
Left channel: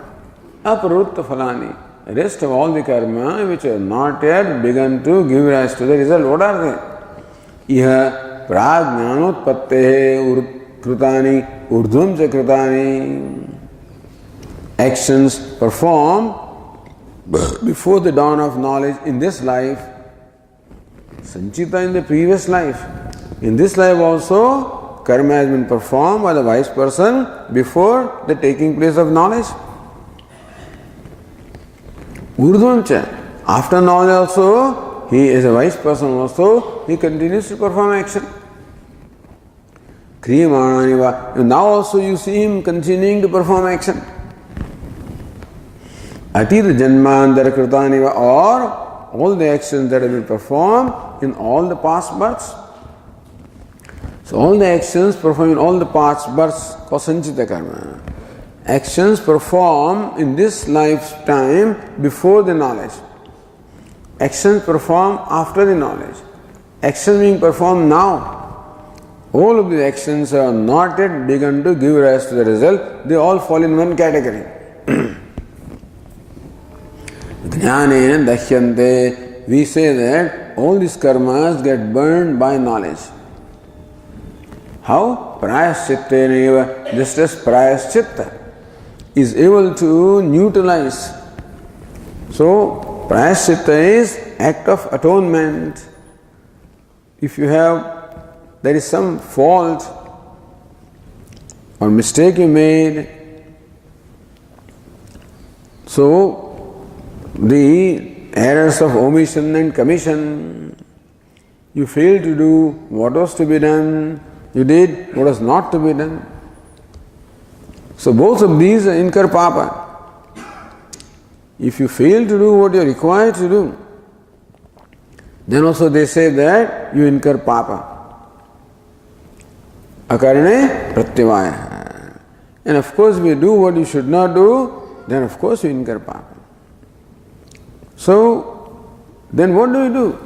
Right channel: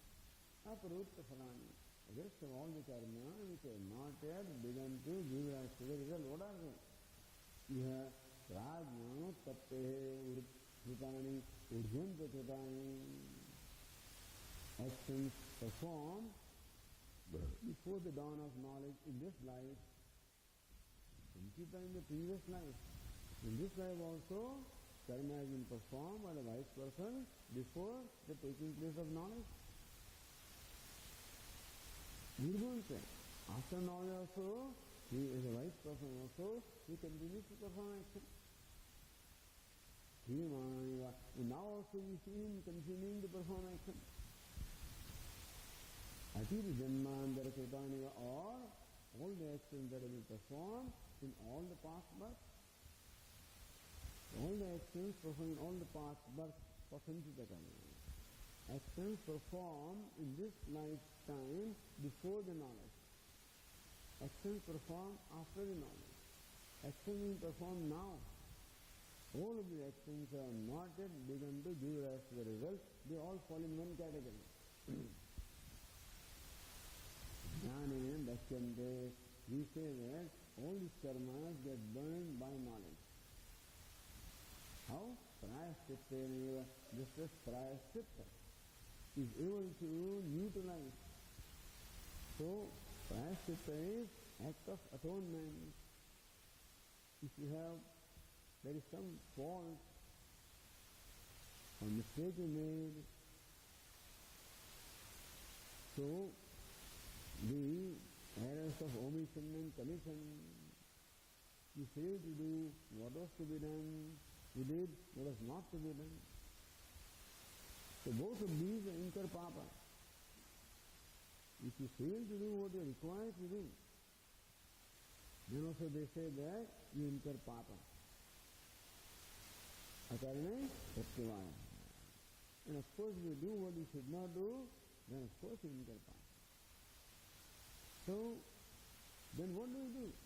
apruvritta phalani, the rest of all the karma which have not yet begun to give rise to the result. What are they? Iha prajnanotpattehe krutani urdhvam cha krutani. Actions performed before the dawn of knowledge in this life, sanchita in the previous life. In this life also, karma has been performed by the wise person before the taking place of knowledge. Urdhvamcha, after knowledge also, he is a wise person also, he continues to perform action. Kriyamananiva, now also you see him continuing to perform action. Atita janmandara kritaniva, or all the actions that have been performed in all the past births. So all the actions performed in all the past births called sanchita karma. Actions performed in this lifetime before the knowledge. Actions performed after the knowledge. Actions being performed now. All of the actions are not yet begun to give rise to the result. They all fall in one category. Jnanena dashyante. We say that all these karmas get burned by knowledge. How? Prayaschittena eva. Just as prayaschitta is able to neutralize. So, prayaschitta is act of atonement. If there is some fault or mistake you made, so the errors of omission and commission, you failed to do what was to be done, you did what was not to be done. So both of these incur papa. If you fail to do what you are required to do, then also they say that you incur papa. Akarane pratyavaya. And of course, if you do what you should not do, then of course you incur papa. So, then what do?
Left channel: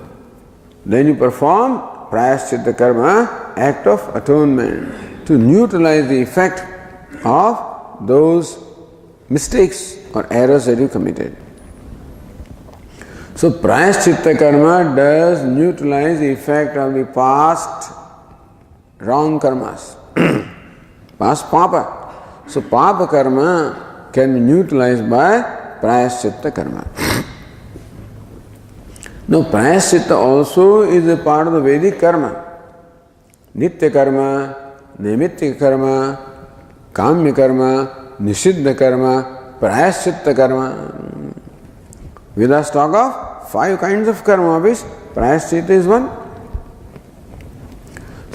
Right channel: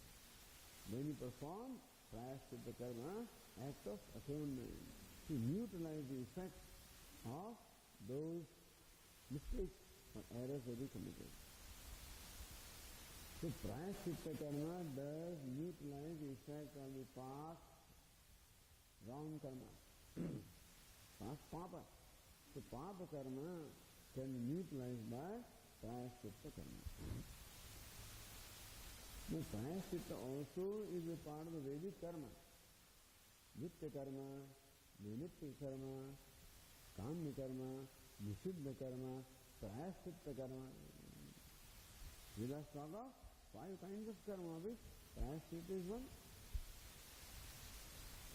Then you perform prayaschitta karma, act of atonement, to neutralize the effect of those mistakes or errors that you committed. So prayaschitta karma does neutralize the effect of the past wrong karmas, past papa. So papa karma can be neutralized by prayaschitta karma. Now prayaschitta also is a part of the Vedic karma. Nitya karma, naimittika karma, kamya karma, nishiddha karma, prayaschitta karma. Vedas talk of 5 kinds of karma, of which prayaschitta is one.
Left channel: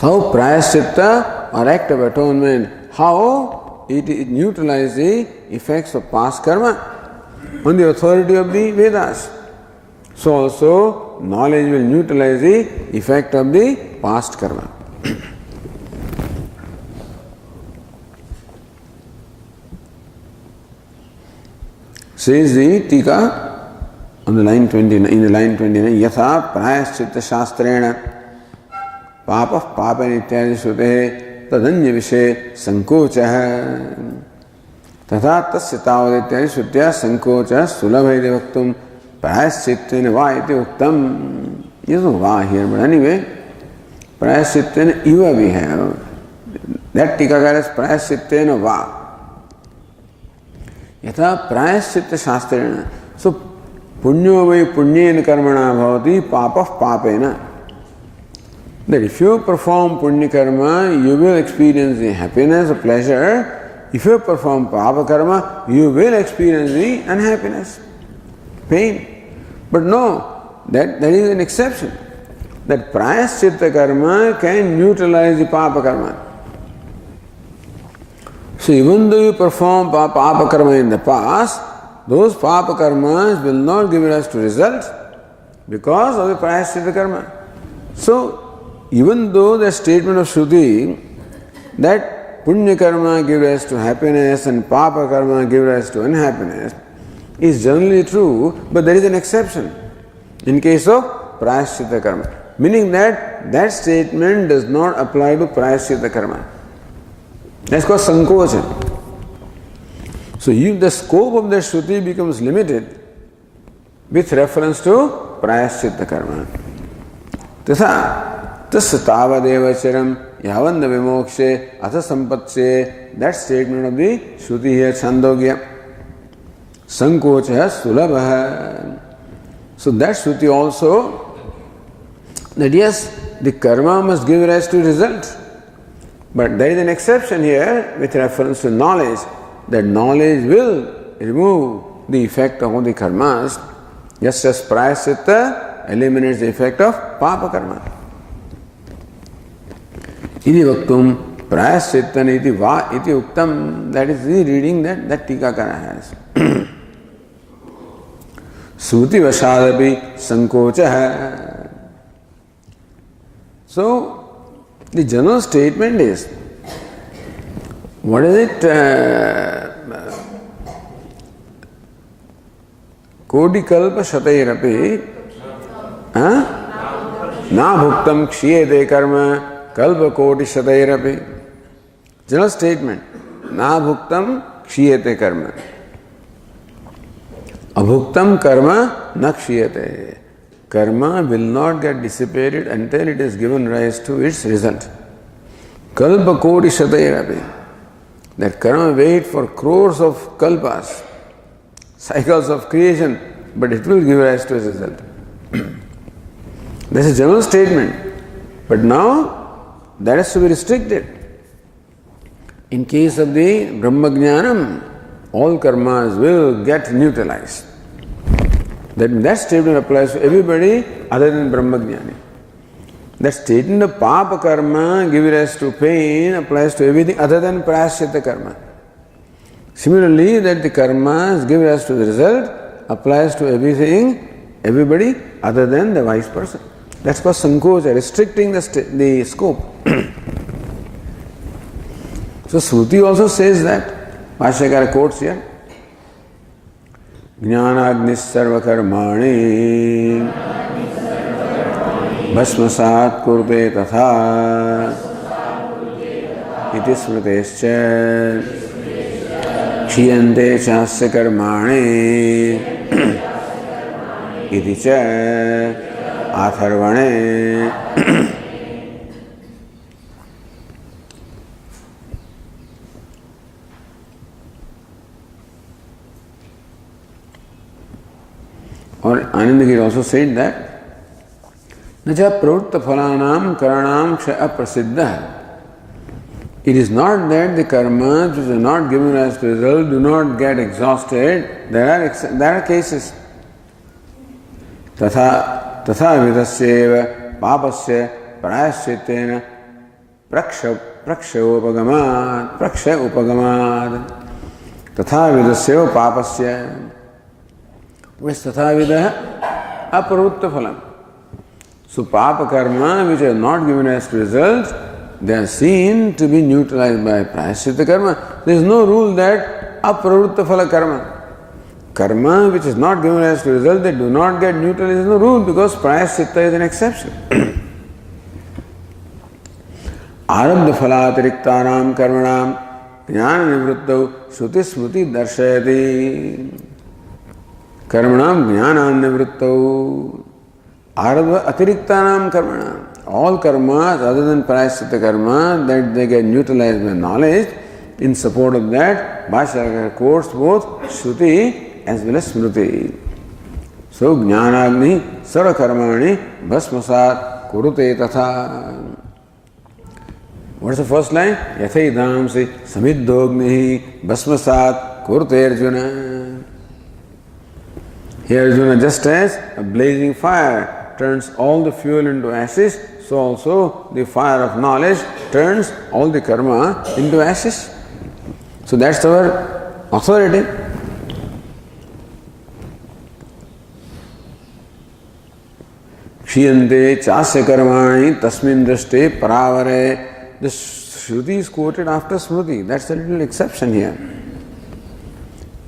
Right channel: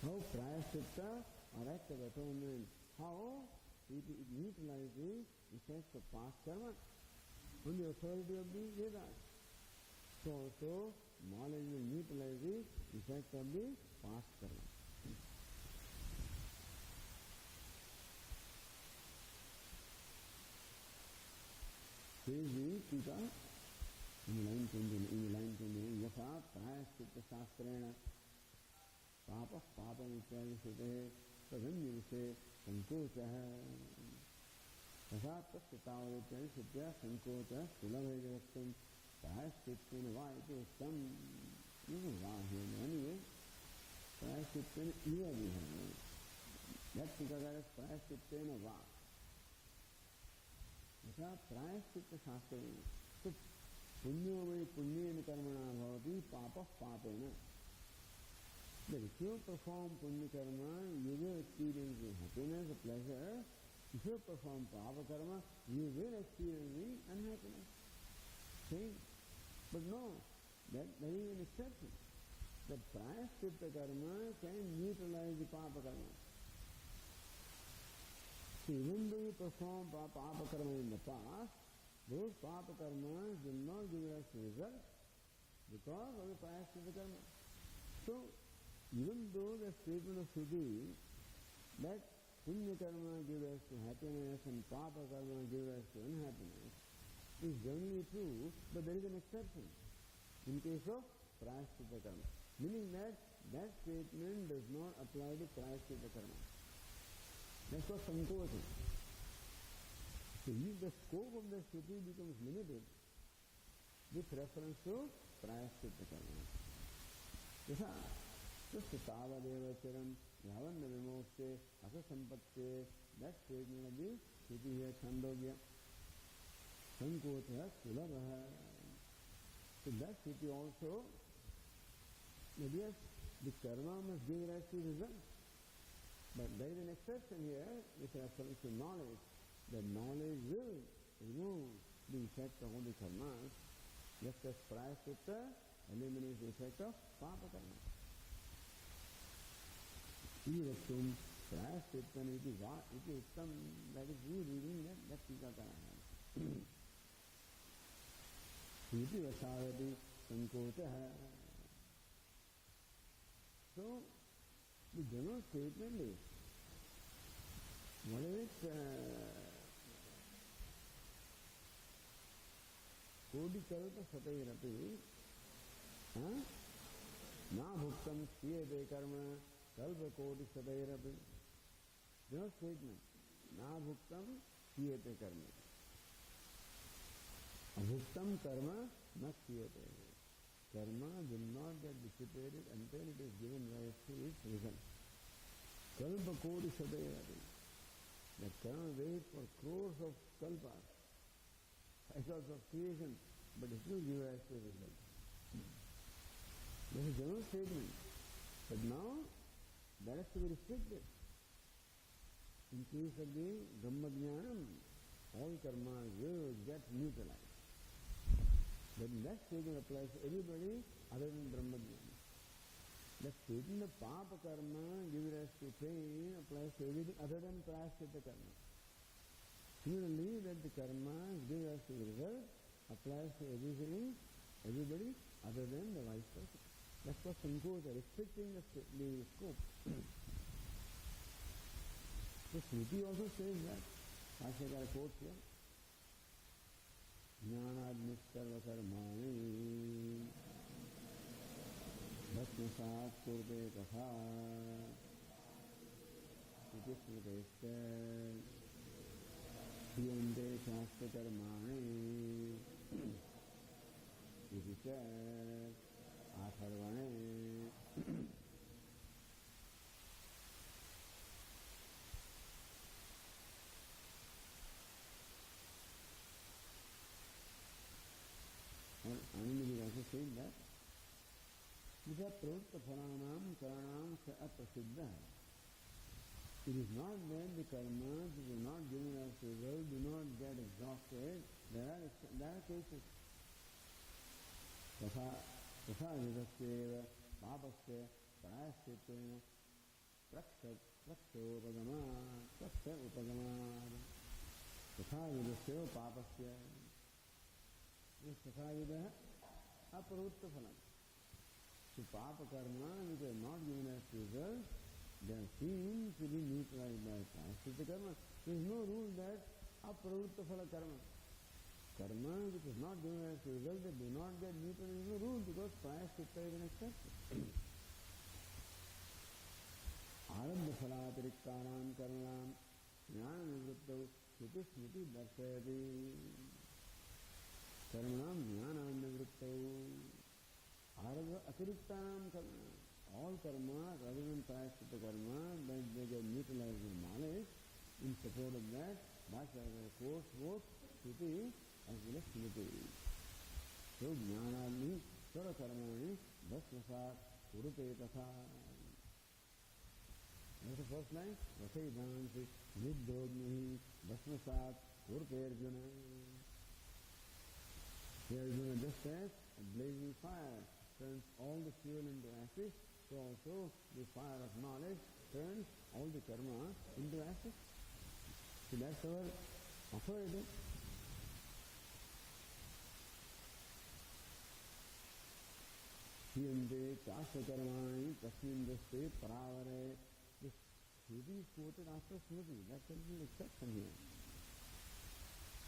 How prayaschitta or act of atonement, how it neutralizes the effects of past karma on the authority of the Vedas. So also knowledge will neutralize the effect of the past karma. Says the Tika on the line 29, in the line 29, Yatha prayaschitta shastrena papa papa nityadi sute tadanya vishe sankocha tatha tasya tavadityadi sutya sankocha sulabhaide vaktum prayaschittena va iti uktam. There's no va here, but anyway, prayaschittena iva we have. That Tikakara is prayaschittena va. Yatha prayaschitta shastrena. So, punyo vai punyena karmana bhavati papa papena. That if you perform punya karma, you will experience the happiness or pleasure. If you perform papa karma, you will experience the unhappiness, pain. But no, that is an exception. That prayaschitta karma can neutralize the papa karma. So even though you perform papa karma in the past, those papa karmas will not give rise to result because of the prayaschitta karma. So even though the statement of Shruti that punya karma gives rise to happiness and papa karma gives rise to unhappiness is generally true, but there is an exception in case of prayaschitta karma, meaning that statement does not apply to prayaschitta karma. That's called sankocha. So if the scope of the Shruti becomes limited with reference to prayaschitta karma, tatha tasya tavadeva charam yavanda vimokshe atha sampatsye, that statement of the Shruti here, Chandogya, sankocha sulabha. So that Shruti also, that yes, the karma must give rise to result. But there is an exception here with reference to knowledge, that knowledge will remove the effect of all the karmas, just as prayaschitta eliminates the effect of papa karma. Iti vaktum prayaschitta iti va iti uktam, that is the reading that Tikakara has. Suti vashadapi sankocha. So, the general statement is, what is it? Kodikalpa shatairapi na bhuktam kshiyate karma kalpa kodi shatairapi. General statement, na bhuktam kshiyate karma. Abhuktam karma na kshiyate. Karma will not get dissipated until it has given rise to its result. Kalpa kodi shatairapi. That karma wait for crores of kalpas, cycles of creation, but it will give rise to a result. This is a general statement. But now that has to be restricted. In case of the Brahmajnanam, all karmas will get neutralized. That statement applies to everybody other than Brahmajnani. That statement of papa karma giving rise to pain applies to everything other than prayaschitta karma. Similarly, that the karmas give rise to the result applies to everything, everybody other than the wise person. That's called sankocha, restricting the scope. So Shruti also says that. Bhashyakara quotes here. Jnanagnis sarva karmani bhasmasat kurte tatha iti smritescha kshiyante chasya karmani iti cha atharvane. Or Anandagiri also said that Naja pravutta phalanam karanam kshaya prasiddha. It is not that the karmas which are not given as the result do not get exhausted. There are cases. Tatha vidasyeva papasya prayaschittena praksha upagamat. Tatha vidasyeva papasya. What is tatha vidaha? Aparutta phalam. So papa karma which are not given as results, they are seen to be neutralized by prayaschitta karma. There is no rule that aparutta phala karma. Karma which is not given as result, they do not get neutralized. There is no rule because prayaschitta is an exception. Arabdha phalatiriktanam karmanam jnana nivruttau shruti smruti darshayati. Karmanam jnana nivruttau. Arabdha atiriktanam karmanam. All karmas other than prayaschitta karma that they get neutralized by knowledge, in support of that, Bhashyakara quotes both Shruti as well as Smruti. So, Jnanagni sarva karmani bhasmasat kurute tatha. What is the first line? Yathaidamsi samiddhognihi bhasmasat kurute Arjuna. Here Arjuna, just as a blazing fire turns all the fuel into ashes, so also the fire of knowledge turns all the karma into ashes. So that's our authority. Kshiyante chasya karmani tasmin drashte paravare. The Shruti is quoted after Smruti. That's a little exception here.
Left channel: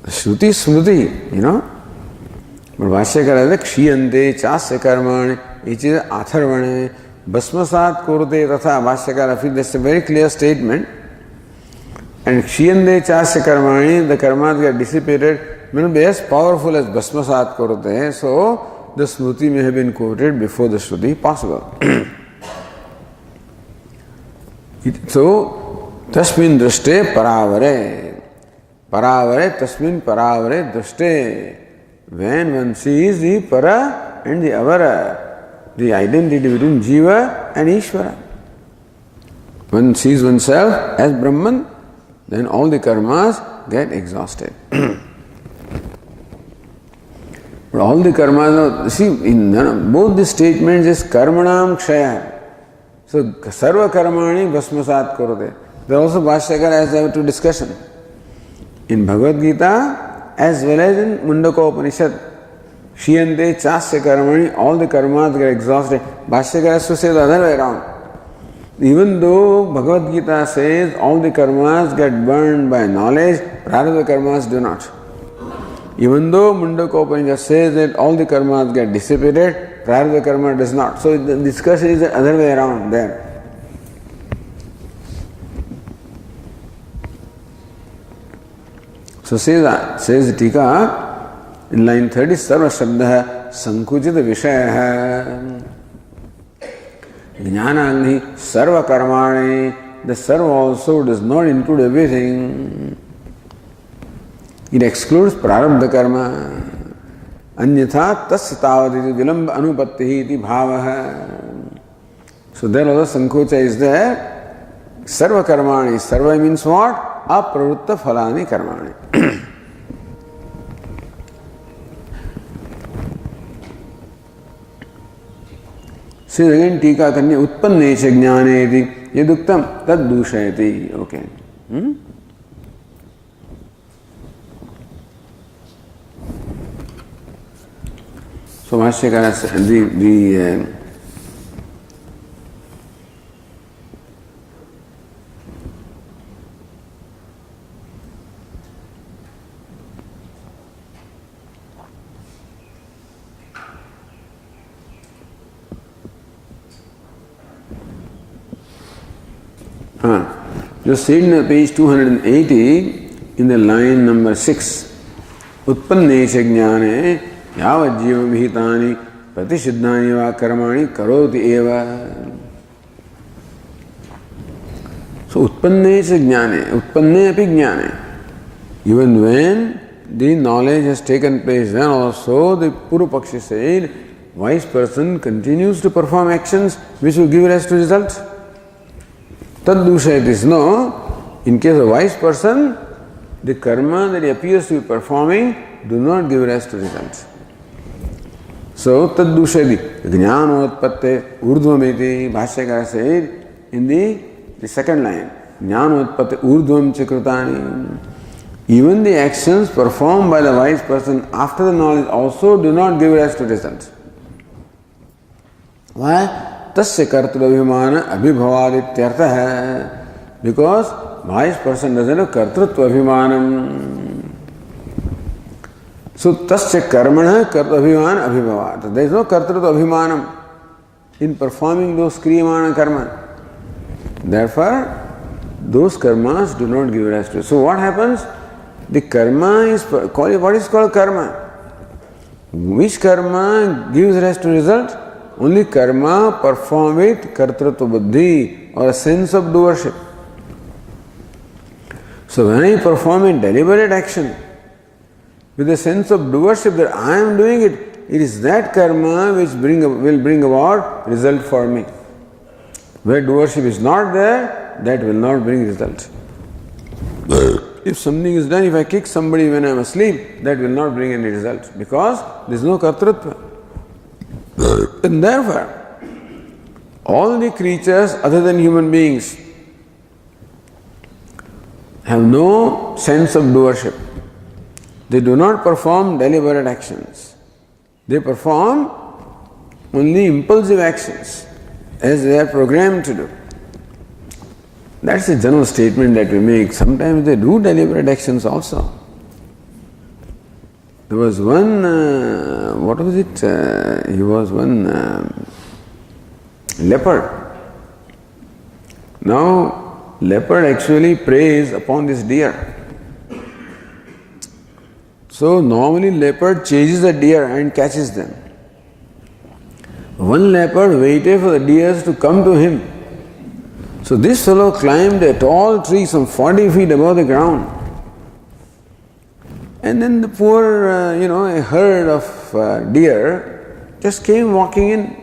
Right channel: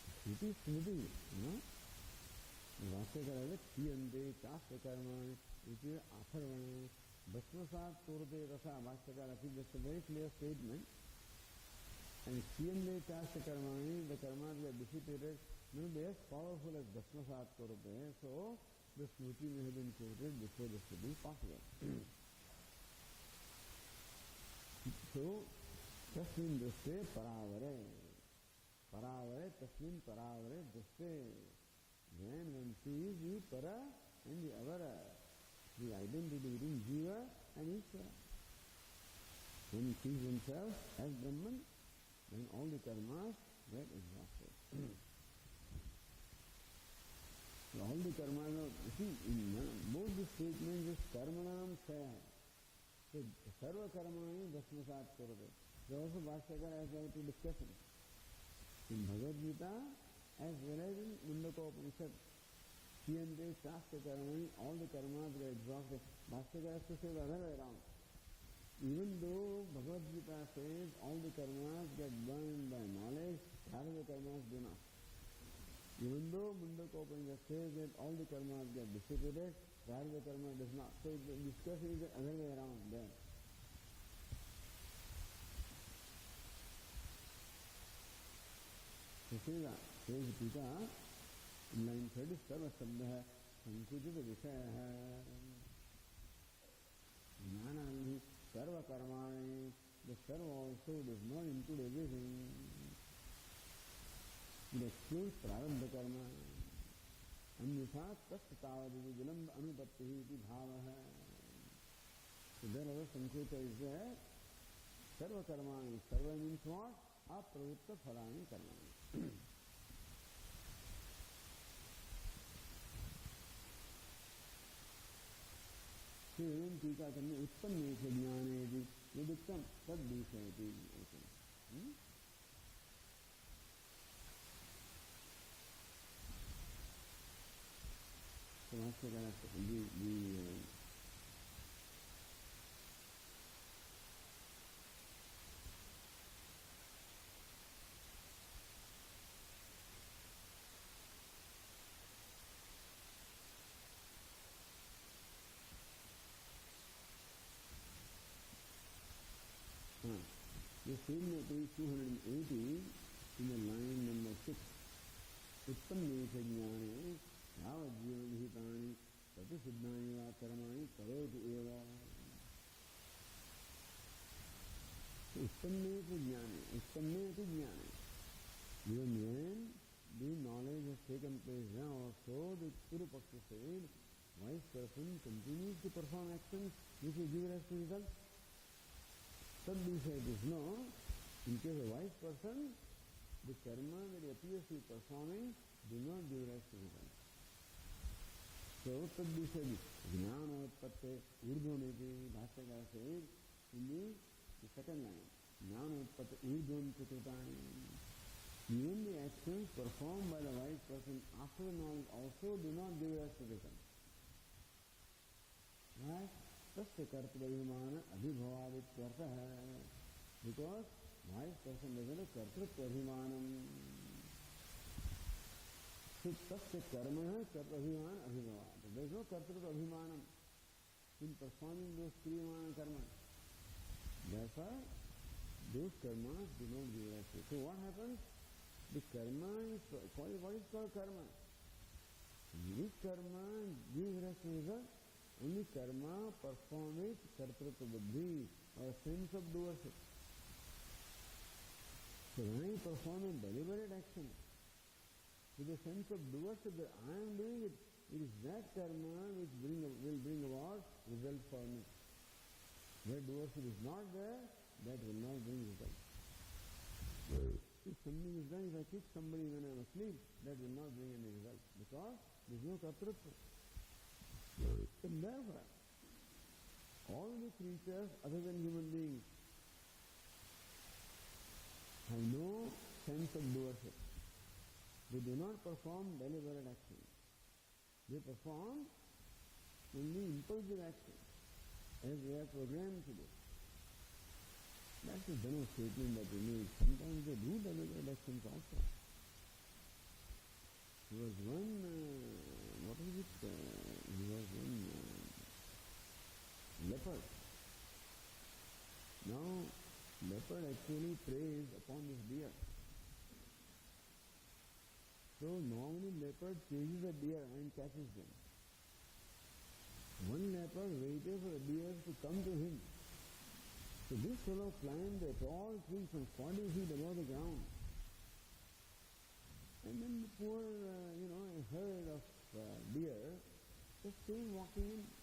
Shruti is Smruti, you know. But Bhashyakara is kshiyante chasya karmani, which is atharvane, bhasmasat kurute tatha. Bhashyakara feels that's a very clear statement. And kshiyante chasya karmani, the karmas get dissipated, may not be as powerful as bhasmasat kurute. So the Smruti may have been quoted before the Shruti possible. So, tasmin drashte paravare. Paravare, tasmin paravare drashte. When one sees the para and the avara, the identity between Jiva and Ishvara. One sees oneself as Brahman, then all the karmas get exhausted. But all the karmas, see, in both the statements is karmanam kshaya. So, sarva karmani bhasmasat kurute. There also Bhashyakara has a two discussion. In Bhagavad Gita, as well as in Mundaka Upanishad, kshiyante chasya karmani, all the karmas get exhausted. Bhashyakara has to say the other way around. Even though Bhagavad Gita says all the karmas get burned by knowledge, prarabdha karmas do not. Even though Mundaka Upanishad says that all the karmas get dissipated, prarabdha karma does not. So the discussion is the other way around there. So says the Tika in line 30, Sarva Shabdaha Sankuchita Vishayaha Jnanagni Sarva Karmani. The Sarva also does not include everything. It excludes prarabdha karma. Anyatha tasya tavaditi vilamba anupattihi iti bhavaha. So there also Sankocha is there. Sarva karmani. Sarva means what? Apravutta phalani karmani. See again Tika Kanya Utpannesha Jnaneti. Yaduktam tad dushayati. Okay. So Bhashyakara said, just see in page 280 in the line number 6. Utpannesha jnane yavat jiva vihitani pratishiddhani va karmani karoti eva. So utpannesha jnane, utpanne api jnane. Even when the knowledge has taken place, then also the Purupakshi said, wise person continues to perform actions which will give rise to results. Taddusha it is no. In case of wise person, the karma that he appears to be performing do not give rise to results. So taddusha jnanotpatte urdhvameti, Bhashyakara said in the second line, jnanotpatte urdhvam chikrutani. Even the actions performed by the wise person after the knowledge also do not give rise to results. Why? Tasya kartrabhimana abhibhavadityartha hai. Because wise person doesn't have kartrutva abhimanam. So tasya karmana kartrabhimana abhibhavat. There is no kartrutva abhimanam in performing those kriyamana karma. Therefore, those karmas do not give rise to. So what happens? The karma is what is called karma. Which karma gives rise to result? Only karma performed with kartrutva buddhi or a sense of doership. So when I perform a deliberate action with a sense of doership that I am doing it, it is that karma which will bring about result for me. Where doership is not there, that will not bring result. If something is done, if I kick somebody when I am asleep, that will not bring any result because there is no kartrutva. And therefore, all the creatures other than human beings have no sense of doership. They do not perform deliberate actions. They perform only impulsive actions as they are programmed to do. That's a general statement that we make. Sometimes they do deliberate actions also. There was one, what was it? He was one leopard. Now, leopard actually preys upon this deer. So, normally leopard chases the deer and catches them. One leopard waited for the deers to come to him. So, this fellow climbed a tall tree some 40 feet above the ground. And then the poor, a herd of deer just came walking in.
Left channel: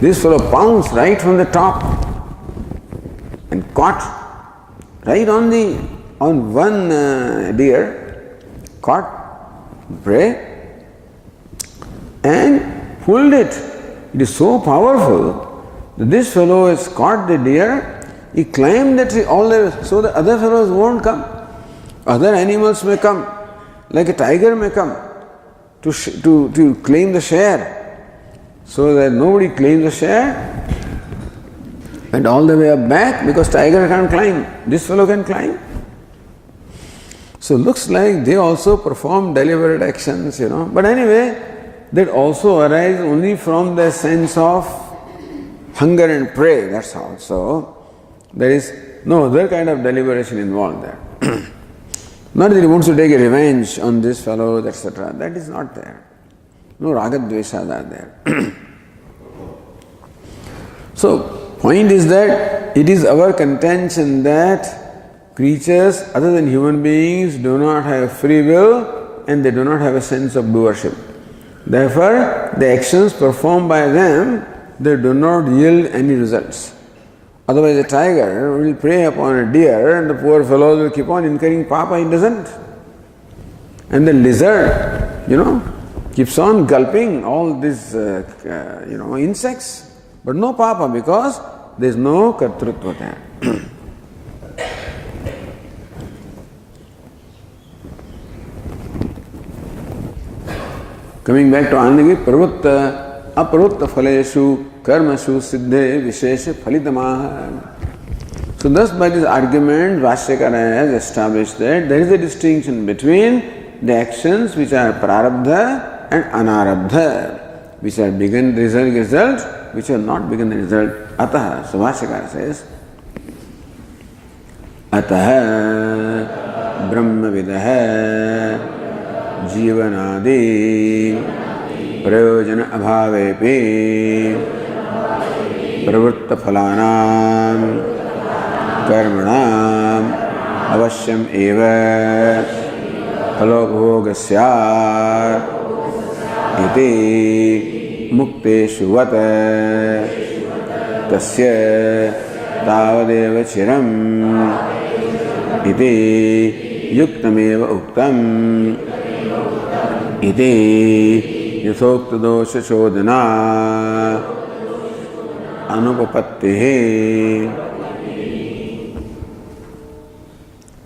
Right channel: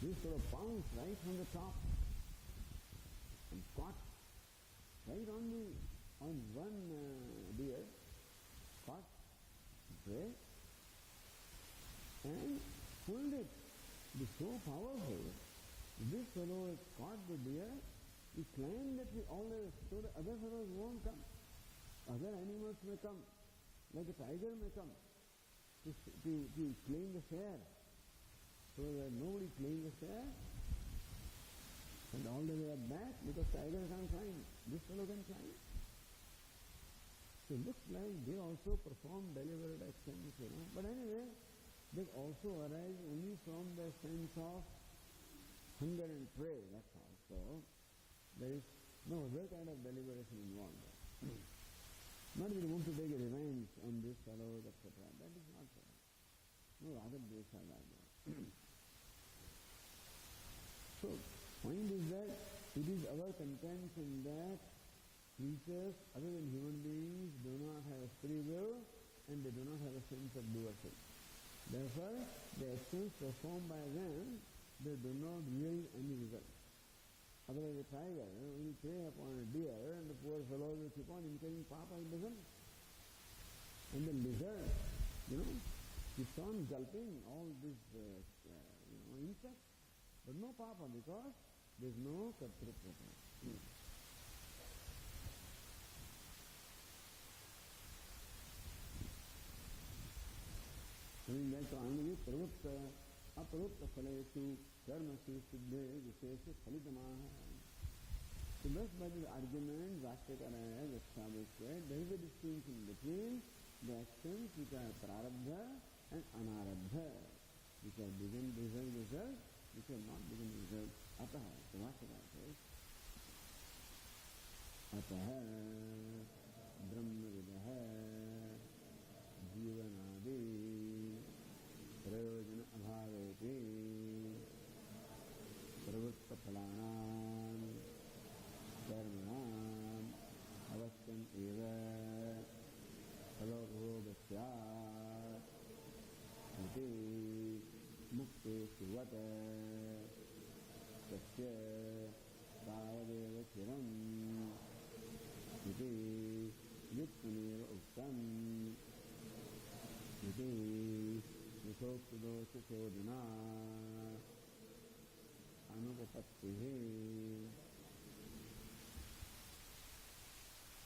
This fellow pounced right from the top and caught right on one deer, caught prey and pulled it. It is so powerful that this fellow has caught the deer. He climbed the tree all the way so the other fellows won't come. Other animals may come. Like a tiger may come to claim the share, so that nobody claims the share, and all the way up back because tiger can't climb. This fellow can climb. So looks like they also perform deliberate actions, But anyway, that also arises only from the sense of hunger and prey. That's all. So there is no other kind of deliberation involved there. Not that he wants to take a revenge on this fellow, etc. That is not there. No ragadveshas are there. So, point is that it is our contention that creatures other than human beings do not have free will and they do not have a sense of doership. Therefore, the actions performed by them, they do not yield any results. Otherwise, a tiger will prey upon a deer and the poor fellow will keep on incurring papa, he doesn't. And the lizard, keeps on gulping all these, insects, but no papa because there is no kartrutva there. Coming back to Anandagi, pravutta, aprutta phaleshu, karmashu, siddhe, vishesha, phalitamaha. So thus by this argument, Vashyakara has established that there is a distinction between the actions which are prarabdha and anarabdha, which are begun result, which are not begun result. Ataha, so Vashyakara says, Ataha brahmavidaha जीवनादि प्रयोजन अभावेपि प्रवृत्त फलानां कर्मणाम् अवश्यम् एव फलोपभोगस्यात् इति मुक्तेषु वत तस्य तावदेव चिरम् इति युक्तमेव उक्तम् इति यथोक्त दोष शोधना अनुपपत्तिः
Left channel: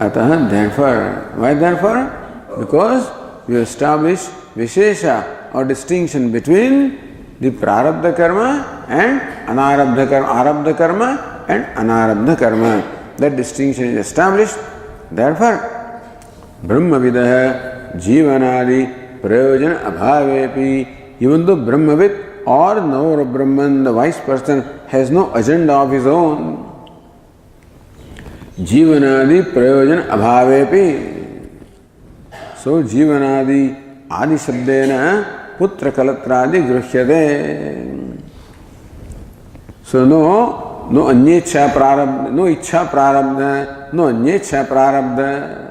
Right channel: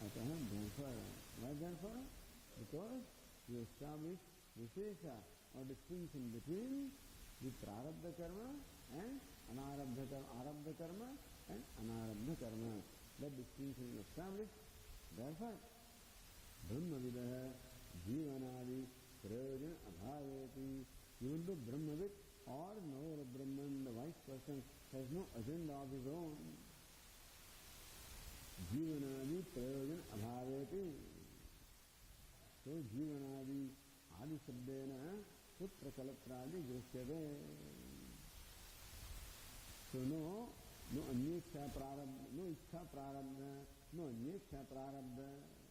अतः therefore because you establish vishesha or distinction between the prarabdha karma and anarabdha karma, arabdha karma and anarabdha karma. That distinction is established. Therefore brahmavidah jivanadi prayojan abhavepi, even though Brahmavid or knower of Brahman, the wise person, has no agenda of his own. Jivanadi prayojan abhavepi. So jivanadi adi shabdena putra kalatradi gruhyade. So no anyecha prarabdha, no ichha prarabdha, no anyecha prarabdha.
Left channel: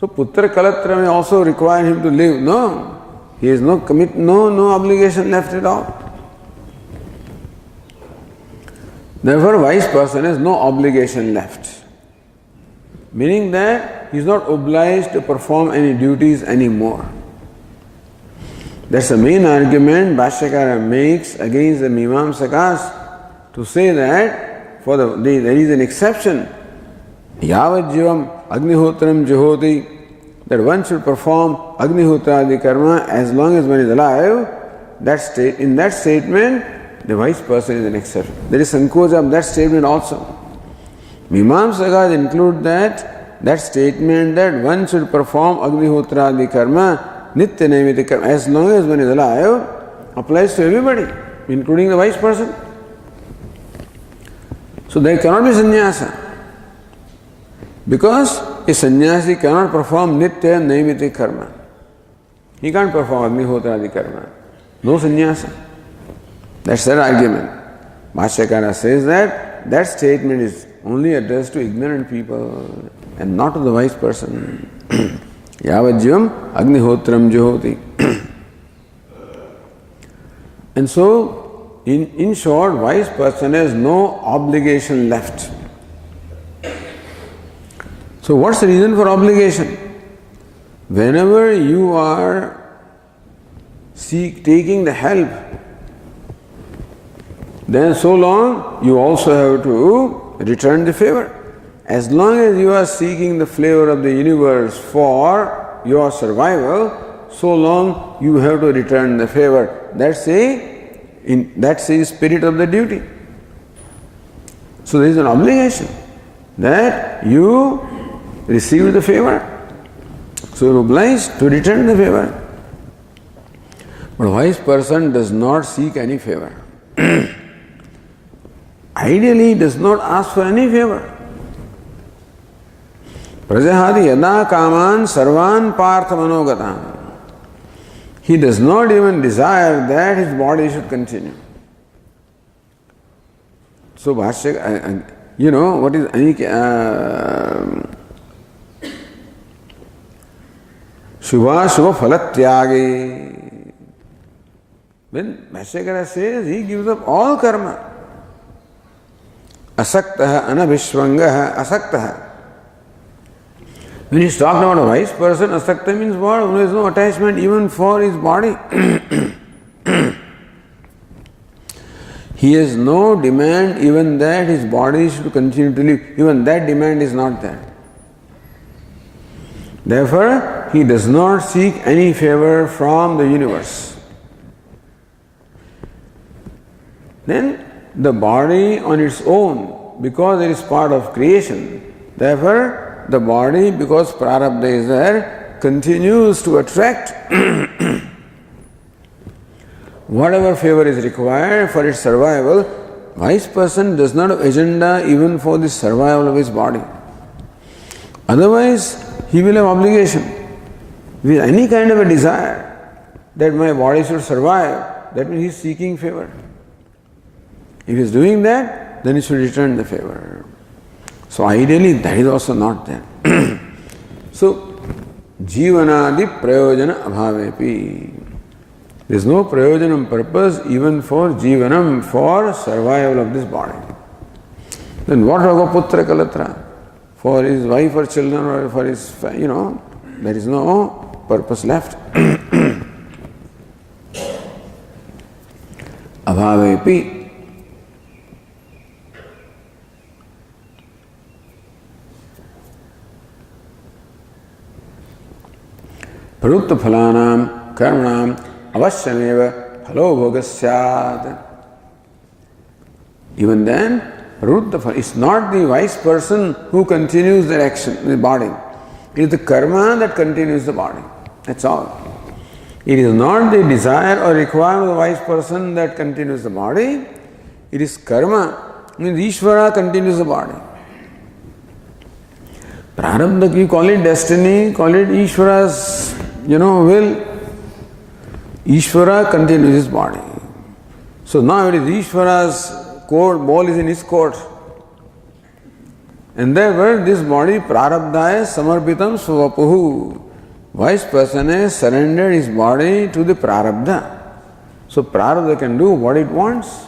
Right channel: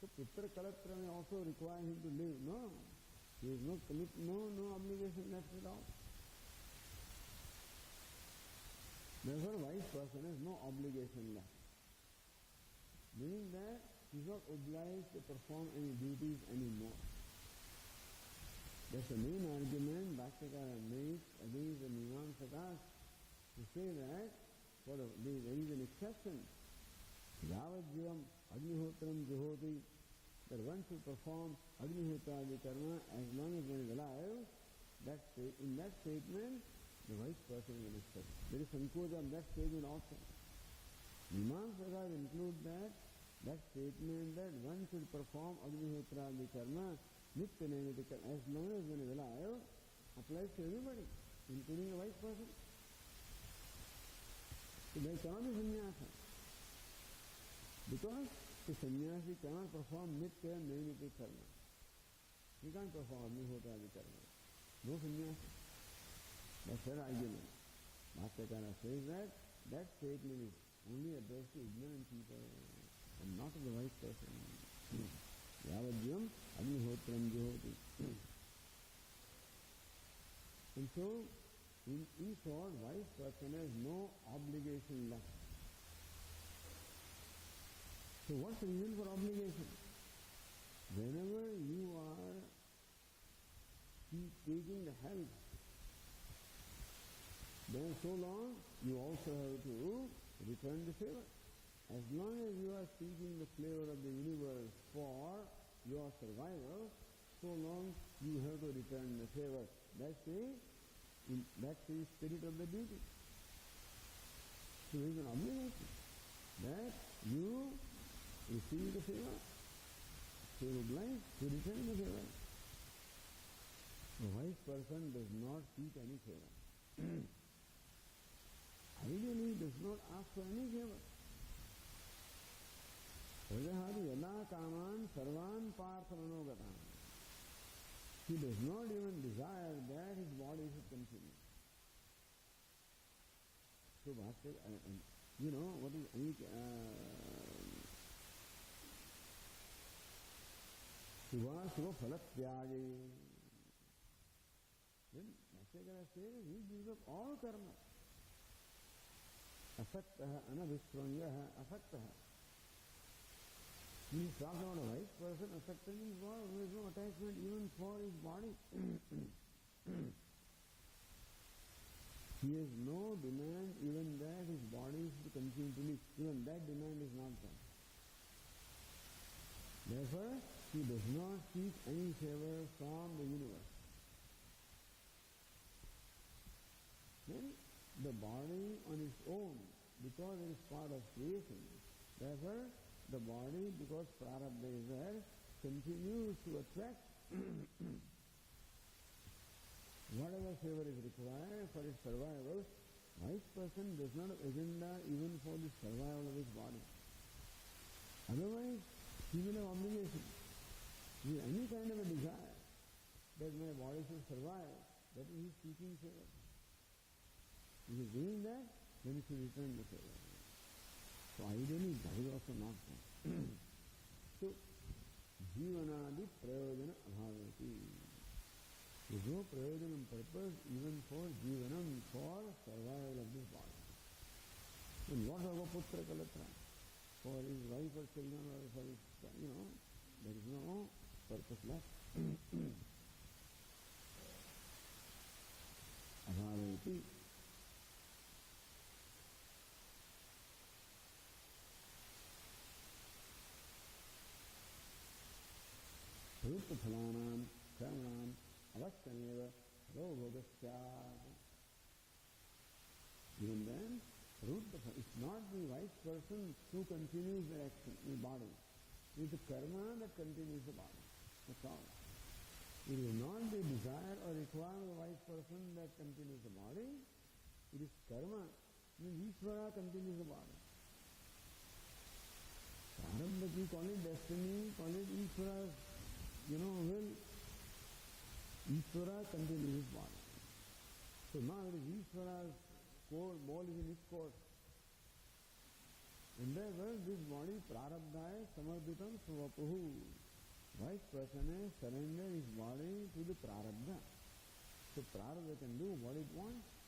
So putra kalatra may also require him to live. No, he has no obligation left at all. Therefore, wise person has no obligation left. Meaning that he is not obliged to perform any duties anymore. That's the main argument Bhashyakara makes against the Mimamsakas, to say that there is an exception. Yavad jivam agnihotram juhoti, that one should perform agnihotradi karma as long as one is alive. In that statement, the wise person is an exception. There is sankocha of that statement also. Mimamsakas include that statement that one should perform agnihotradi karma, nitya naimiti karma, as long as one is alive, applies to everybody, including the wise person. So there cannot be sannyasa. Because a sannyasi cannot perform nitya naimiti karma. He can't perform agnihotradi karma. No sannyasa. That's their argument. Bhashyakara says that statement is only addressed to ignorant people and not to the wise person. Yavajyam agnihotram juhoti. And so, in short, wise person has no obligation left. So what's the reason for obligation? Whenever you are taking the help, then so long you also have to return the favor. As long as you are seeking the flavor of the universe for your survival, so long you have to return the favor. That's the spirit of the duty. So there is an obligation that you receive the favor. So you are obliged to return the favor. But a wise person does not seek any favor. Ideally, he does not ask for any favor. Prajahadi yada kaman sarvan partha manogatam. He does not even desire that his body should continue. So Bhashyakara, what is Shubha Shubha Phalatyagi. When Bhashyakara says he gives up all karma, asaktaha anabhishvangaha asaktaha. When he is talking about a wise person, asakta means what? There is no attachment even for his body. He has no demand even that his body should continue to live. Even that demand is not there. Therefore, he does not seek any favor from the universe. Then the body on its own, because it is part of creation, therefore the body, because prarabdha is there, continues to attract whatever favor is required for its survival. Wise person does not have agenda even for the survival of his body. Otherwise, he will have obligation. With any kind of a desire that my body should survive, that means he is seeking favor. If he is doing that, then he should return the favor. So ideally, that is also not there. So, jivanadi prayojana abhavepi. There is no prayojanam purpose even for jivanam, for survival of this body. Then what about putra kalatra? For his wife or children or for his, there is no purpose left. Abhavepi. Prarutta phalanam karmanam avashyameva phalo bhogasyat. Even then, it's not the wise person who continues the action, the body. It is the karma that continues the body. That's all. It is not the desire or requirement of the wise person that continues the body. It is karma. Means Ishvara continues the body. Prarabdha, you call it destiny, call it Ishvara's, will. Ishvara continues his body. So now it is Ishvara's court, ball is in his court. And therefore this body, prarabdhaya samarpitam svapuhu. Wise person has surrendered his body to the prarabdha. So prarabdha can do what it wants.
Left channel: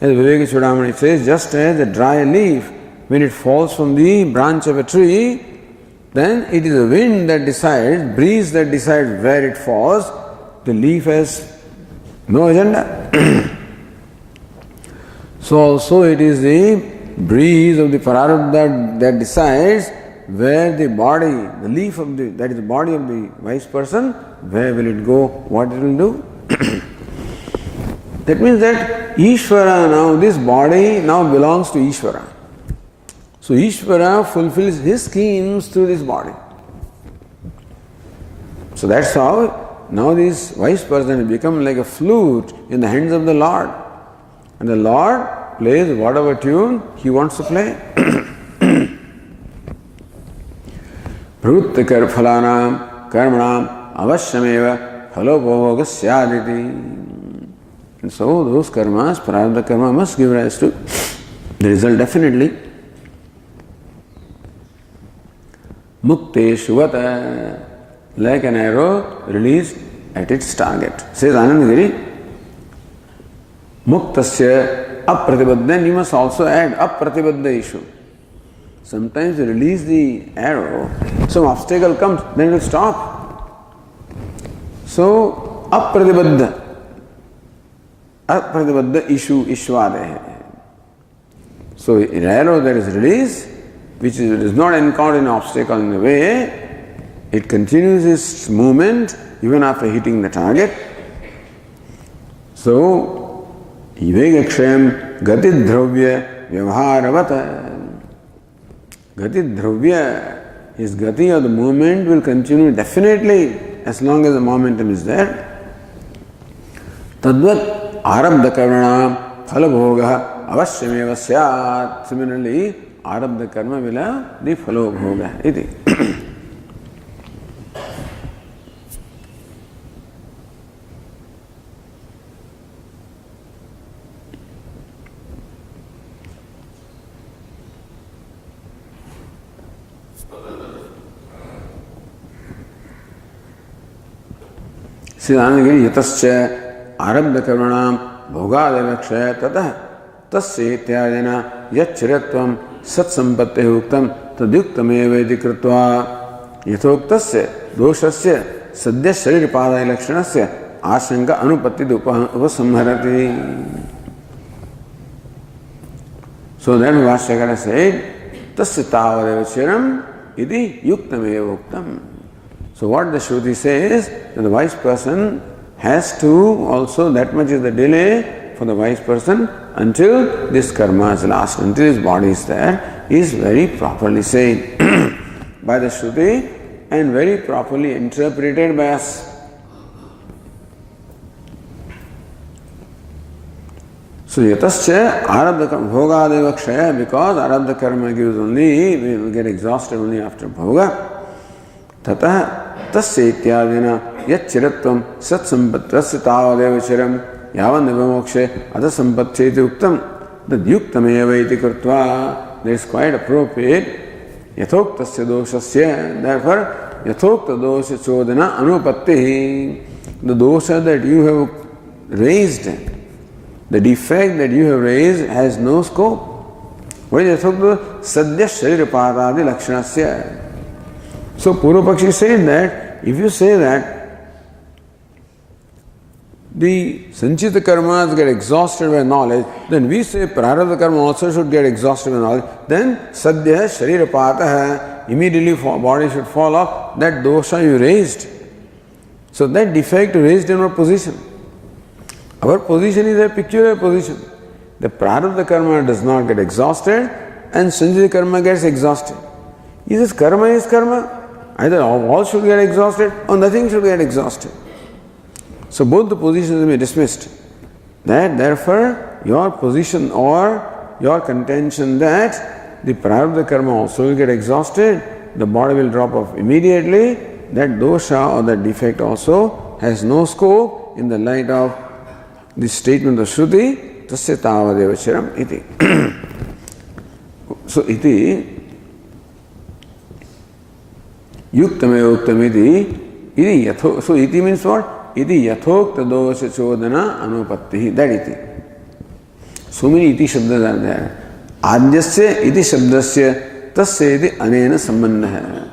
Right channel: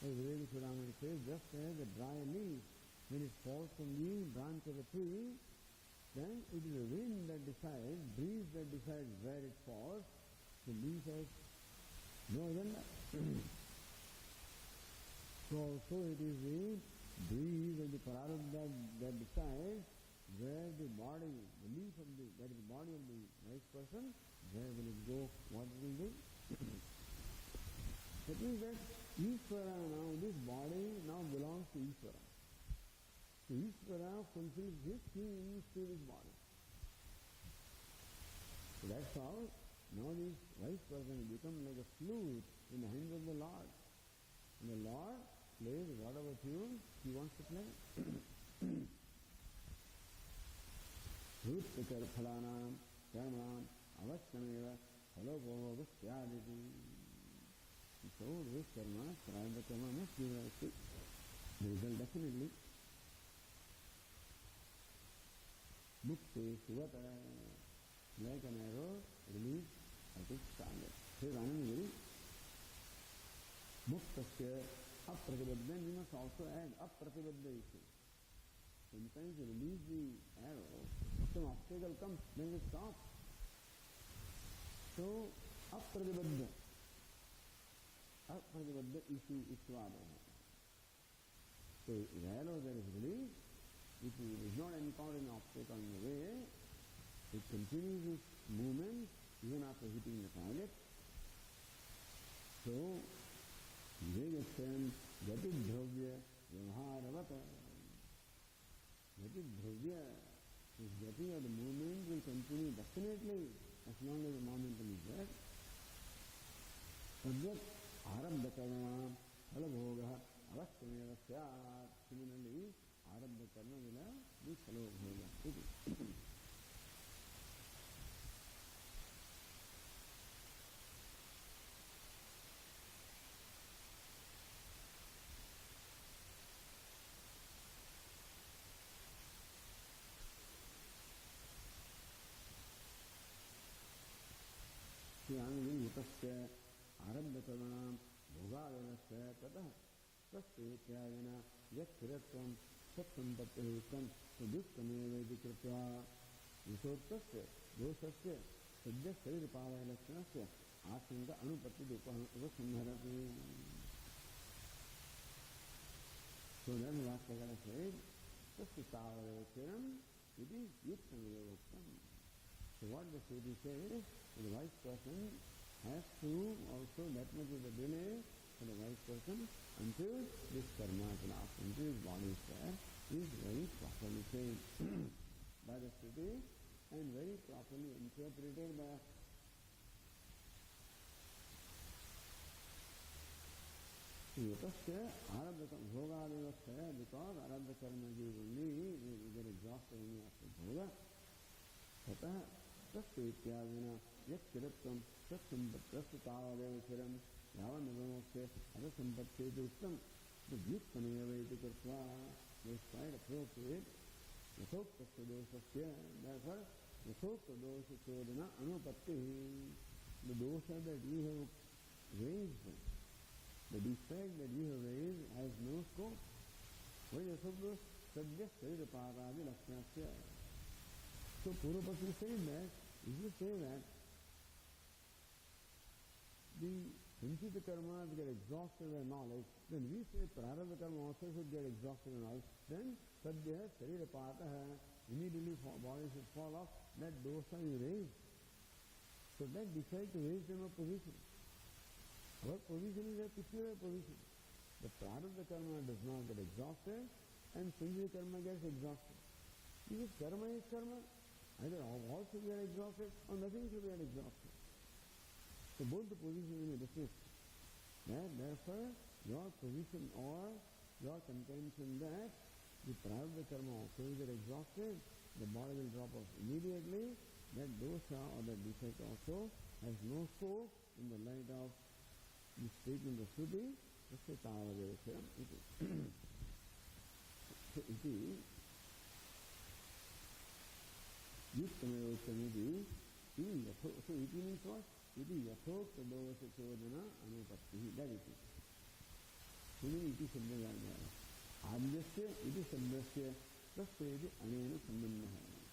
As Viveka Chudamani says, just as a dry leaf, when it falls from the branch of a tree, then it is the wind that decides, breeze that decides where it falls. The leaf has no agenda. So also it is the breeze of the prarabdha that decides where the body, the leaf of that is the body of the wise person, where will it go, what it will do. That means that Ishvara now, this body now belongs to Ishvara. So Ishvara fulfills his schemes through this body. So that's how now this wise person has become like a flute in the hands of the Lord. And the Lord plays whatever tune he wants to play. Pravutta phalanam karmanam avashyameva phalo bhogasyaditi. And so those karmas, prarabdha karma must give rise to the result definitely. Mukteshu vata, like an arrow released at its target. Says Anandagiri. Muktasya apratibadha. Then you must also add apratibadha issue. Sometimes you release the arrow, some obstacle comes, then it will stop. So apratibadha. Apratibadha issue ishvade. So an arrow that is released, which does not encounter an obstacle in the way, it continues its movement even after hitting the target. So Ivegakshayam gati dravya vyavaharavata. Gati dravya, his gati or the movement will continue definitely as long as the momentum is there. Tadvat arabdha karmanam phalabhoga avashyameva syat. Similarly, arabdha karma will have the phalabhoga. Iti. Siddhanagiri yatascha arabdha karmanam bhogadavakshaya tatah tasya ityadena yachchiratvam satsampatte uktam tadyuktameva iti kritva yathoktasya doshasya sadhya sharirpadaya lakshanasya ashanka anupattid upasamharati. So then Vashyakara said, tasya tavadeva chiram iti yuktameva uktam. So what the Shruti says, that the wise person has to also, that much is the delay for the wise person until this karma is last, until his body is there, is very properly said by the Shruti and very properly interpreted by us. So yatascha arabdha bhogadeva kshaya, because arabdha karma gives only, we will get exhausted only after bhoga. Tatah tasya ityadina yat chiratvam sat sampatrasya tavadeva chiram yavan nivamokshe adha sampatcheti uktam tad yuktameva iti krutva. That is quite appropriate. Yathoktasya doshasya, therefore yathokta dosha chodana anupatti. The dosha that you have raised, the defect that you have raised has no scope. What is yathokta? Sadhya sharirapatadi lakshanasya. So Purvapakshi said that if you say that the sanchita karmas get exhausted by knowledge, then we say prarabdha karma also should get exhausted by knowledge. Then sadhya sharirapataha, immediately body should fall off. That dosha you raised. So that defect you raised in our position. Our position is a peculiar position. The prarabdha karma does not get exhausted and sanchita karma gets exhausted. Is karma. Either all should get exhausted or nothing should get exhausted. So both the positions will be dismissed. That therefore your position or your contention that the prarabdha karma also will get exhausted, the body will drop off immediately, that dosha or that defect also has no scope in the light of the statement of Shruti, tasya tavadeva chiram iti. So iti yuktameva uktamiti, so iti means what? Iti yathokta dosha chodana anupatti. That iti. So many iti shabdas are there. Adyasya iti shabdasya tasya iti anena sambandha.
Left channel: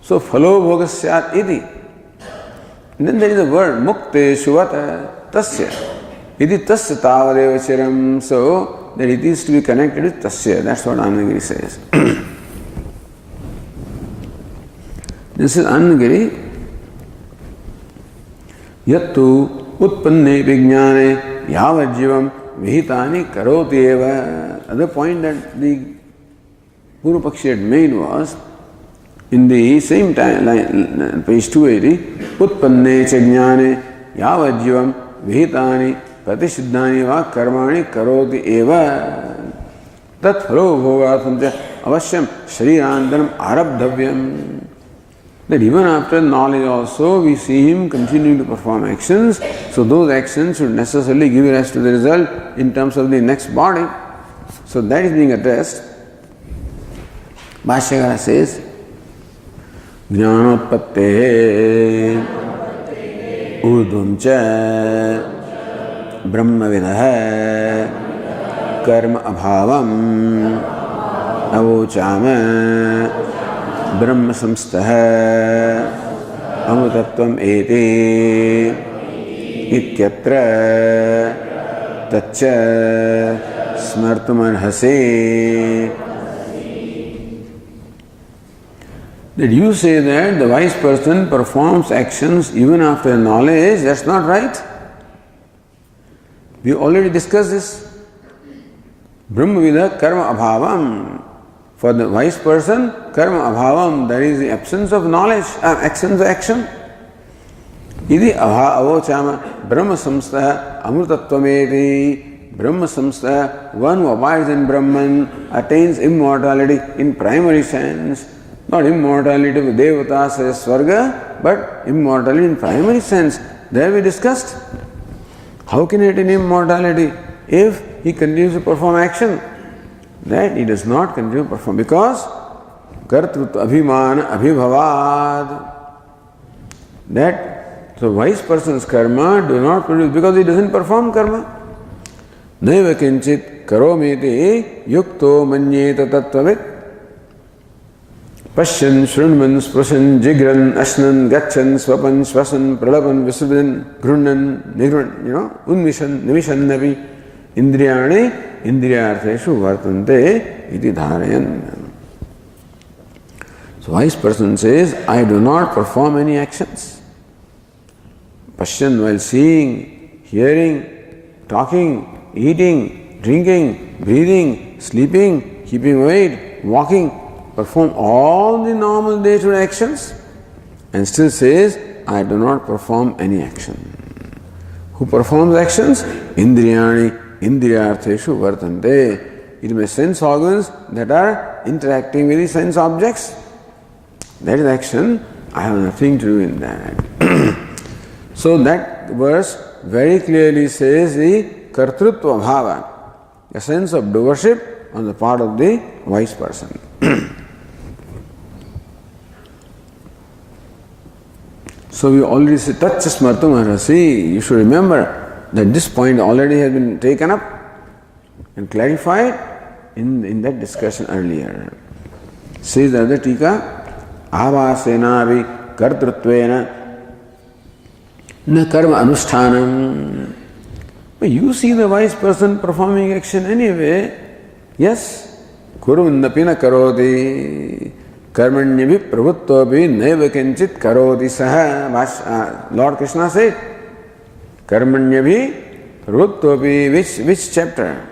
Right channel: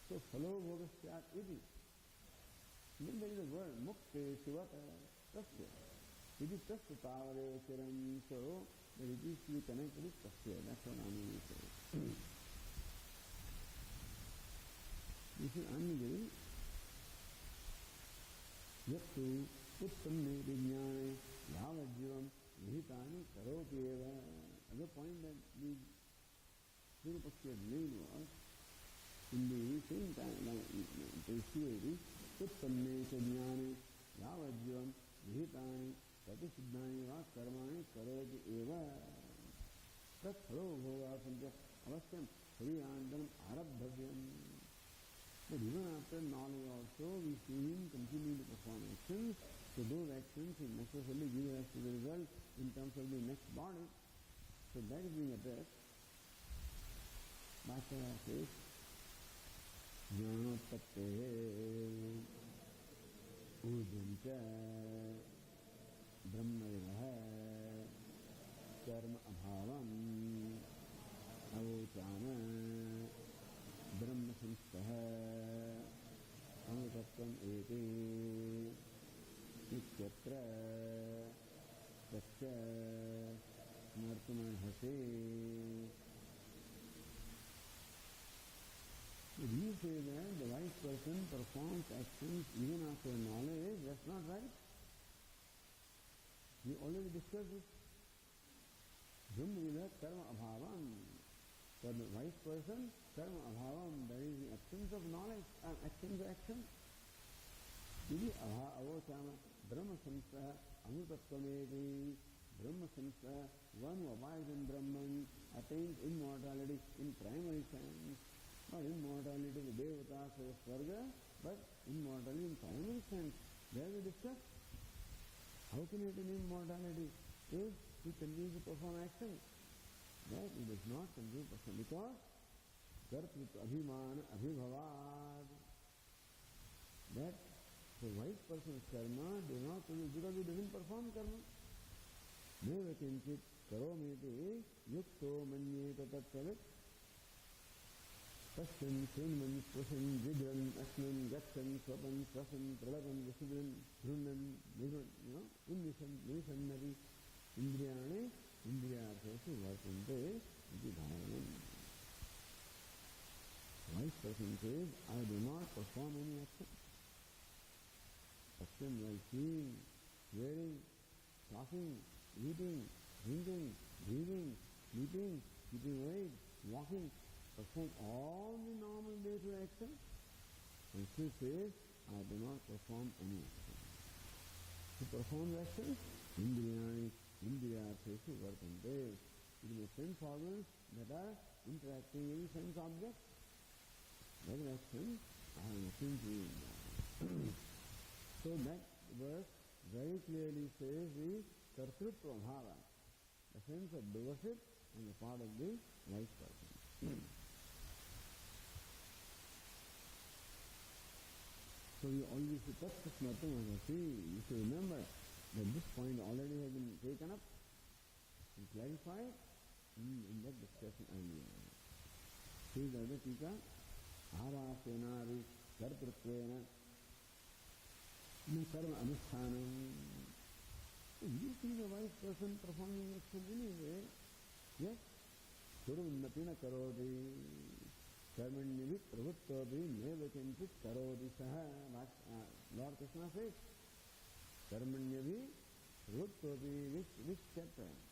So phalo bhogasyat iti. And then there is a word mukte shuvata tasya. Iti tasya tavadeva chiram. So that it is to be connected with tasya. That's what Anandagiri says. This is Anandagiri. Yattu utpanne vijnane yavajivam vihitani karoti eva. Other point that the Purvapakshi had made was, in the same time, page 280, utpanne chajnane yavajivam vihitani pratisiddhani va karmani karoti eva. Tat phalo bhogatham avasyam sharirandaram arabdhavyam. That even after knowledge also we see him continuing to perform actions, so those actions should necessarily give rise to the result in terms of the next body. So that is being addressed. Bhashyakara says, Jnanotpatte urdhumcha brahmavidah karma abhavam avochama Brahma samstha amrutatvam eti ityatra tacha smartumarhase. That you say that the wise person performs actions even after knowledge, that's not right. We already discussed this. Brahmavidah karma abhavam. For the wise person, karma abhavam, there is the absence of knowledge, actions of action. Idi avochama brahma samstha amrutattvameti. Brahma samstha, one who abides in Brahman, attains immortality in primary sense. Not immortality with devatas as swarga, but immortality in primary sense. There we discussed. How can he attain immortality if he continues to perform action? That he does not continue to perform because kartrutva abhimana abhibhavad. That the wise person's karma do not produce because he doesn't perform karma. Naiva kinchit karomiti yukto manyeta tattvavit. Pashyan shrunman sprushan jigran ashnan gachan swapan swasan pralapan visudan grunnan nigran, unmishan nimishan navi indriyani indriyartheshu vartante iti dharayan. So wise person says, I do not perform any actions. Passion while seeing, hearing, talking, eating, drinking, breathing, sleeping, keeping weight, walking, perform all the normal day-to-day actions and still says, I do not perform any action. Who performs actions? Indriyani, indriyartheshu vartante. It may sense organs that are interacting with the sense objects. That is action. I have nothing to do in that. So that verse very clearly says the kartrutva bhava, a sense of doership on the part of the wise person. So we already said, Tatcha smartum arhasi. You should remember that this point already has been taken up and clarified in that discussion earlier. Says the other tika, avasena avi kartrutvena na karma anushthanam. You see the wise person performing action anyway. Yes. Kurunnapi na karoti. Karmanyabhi pravutvapi naiva kinchit karoti saha. Lord Krishna said, Karmanyabhi pravutvapi, which chapter?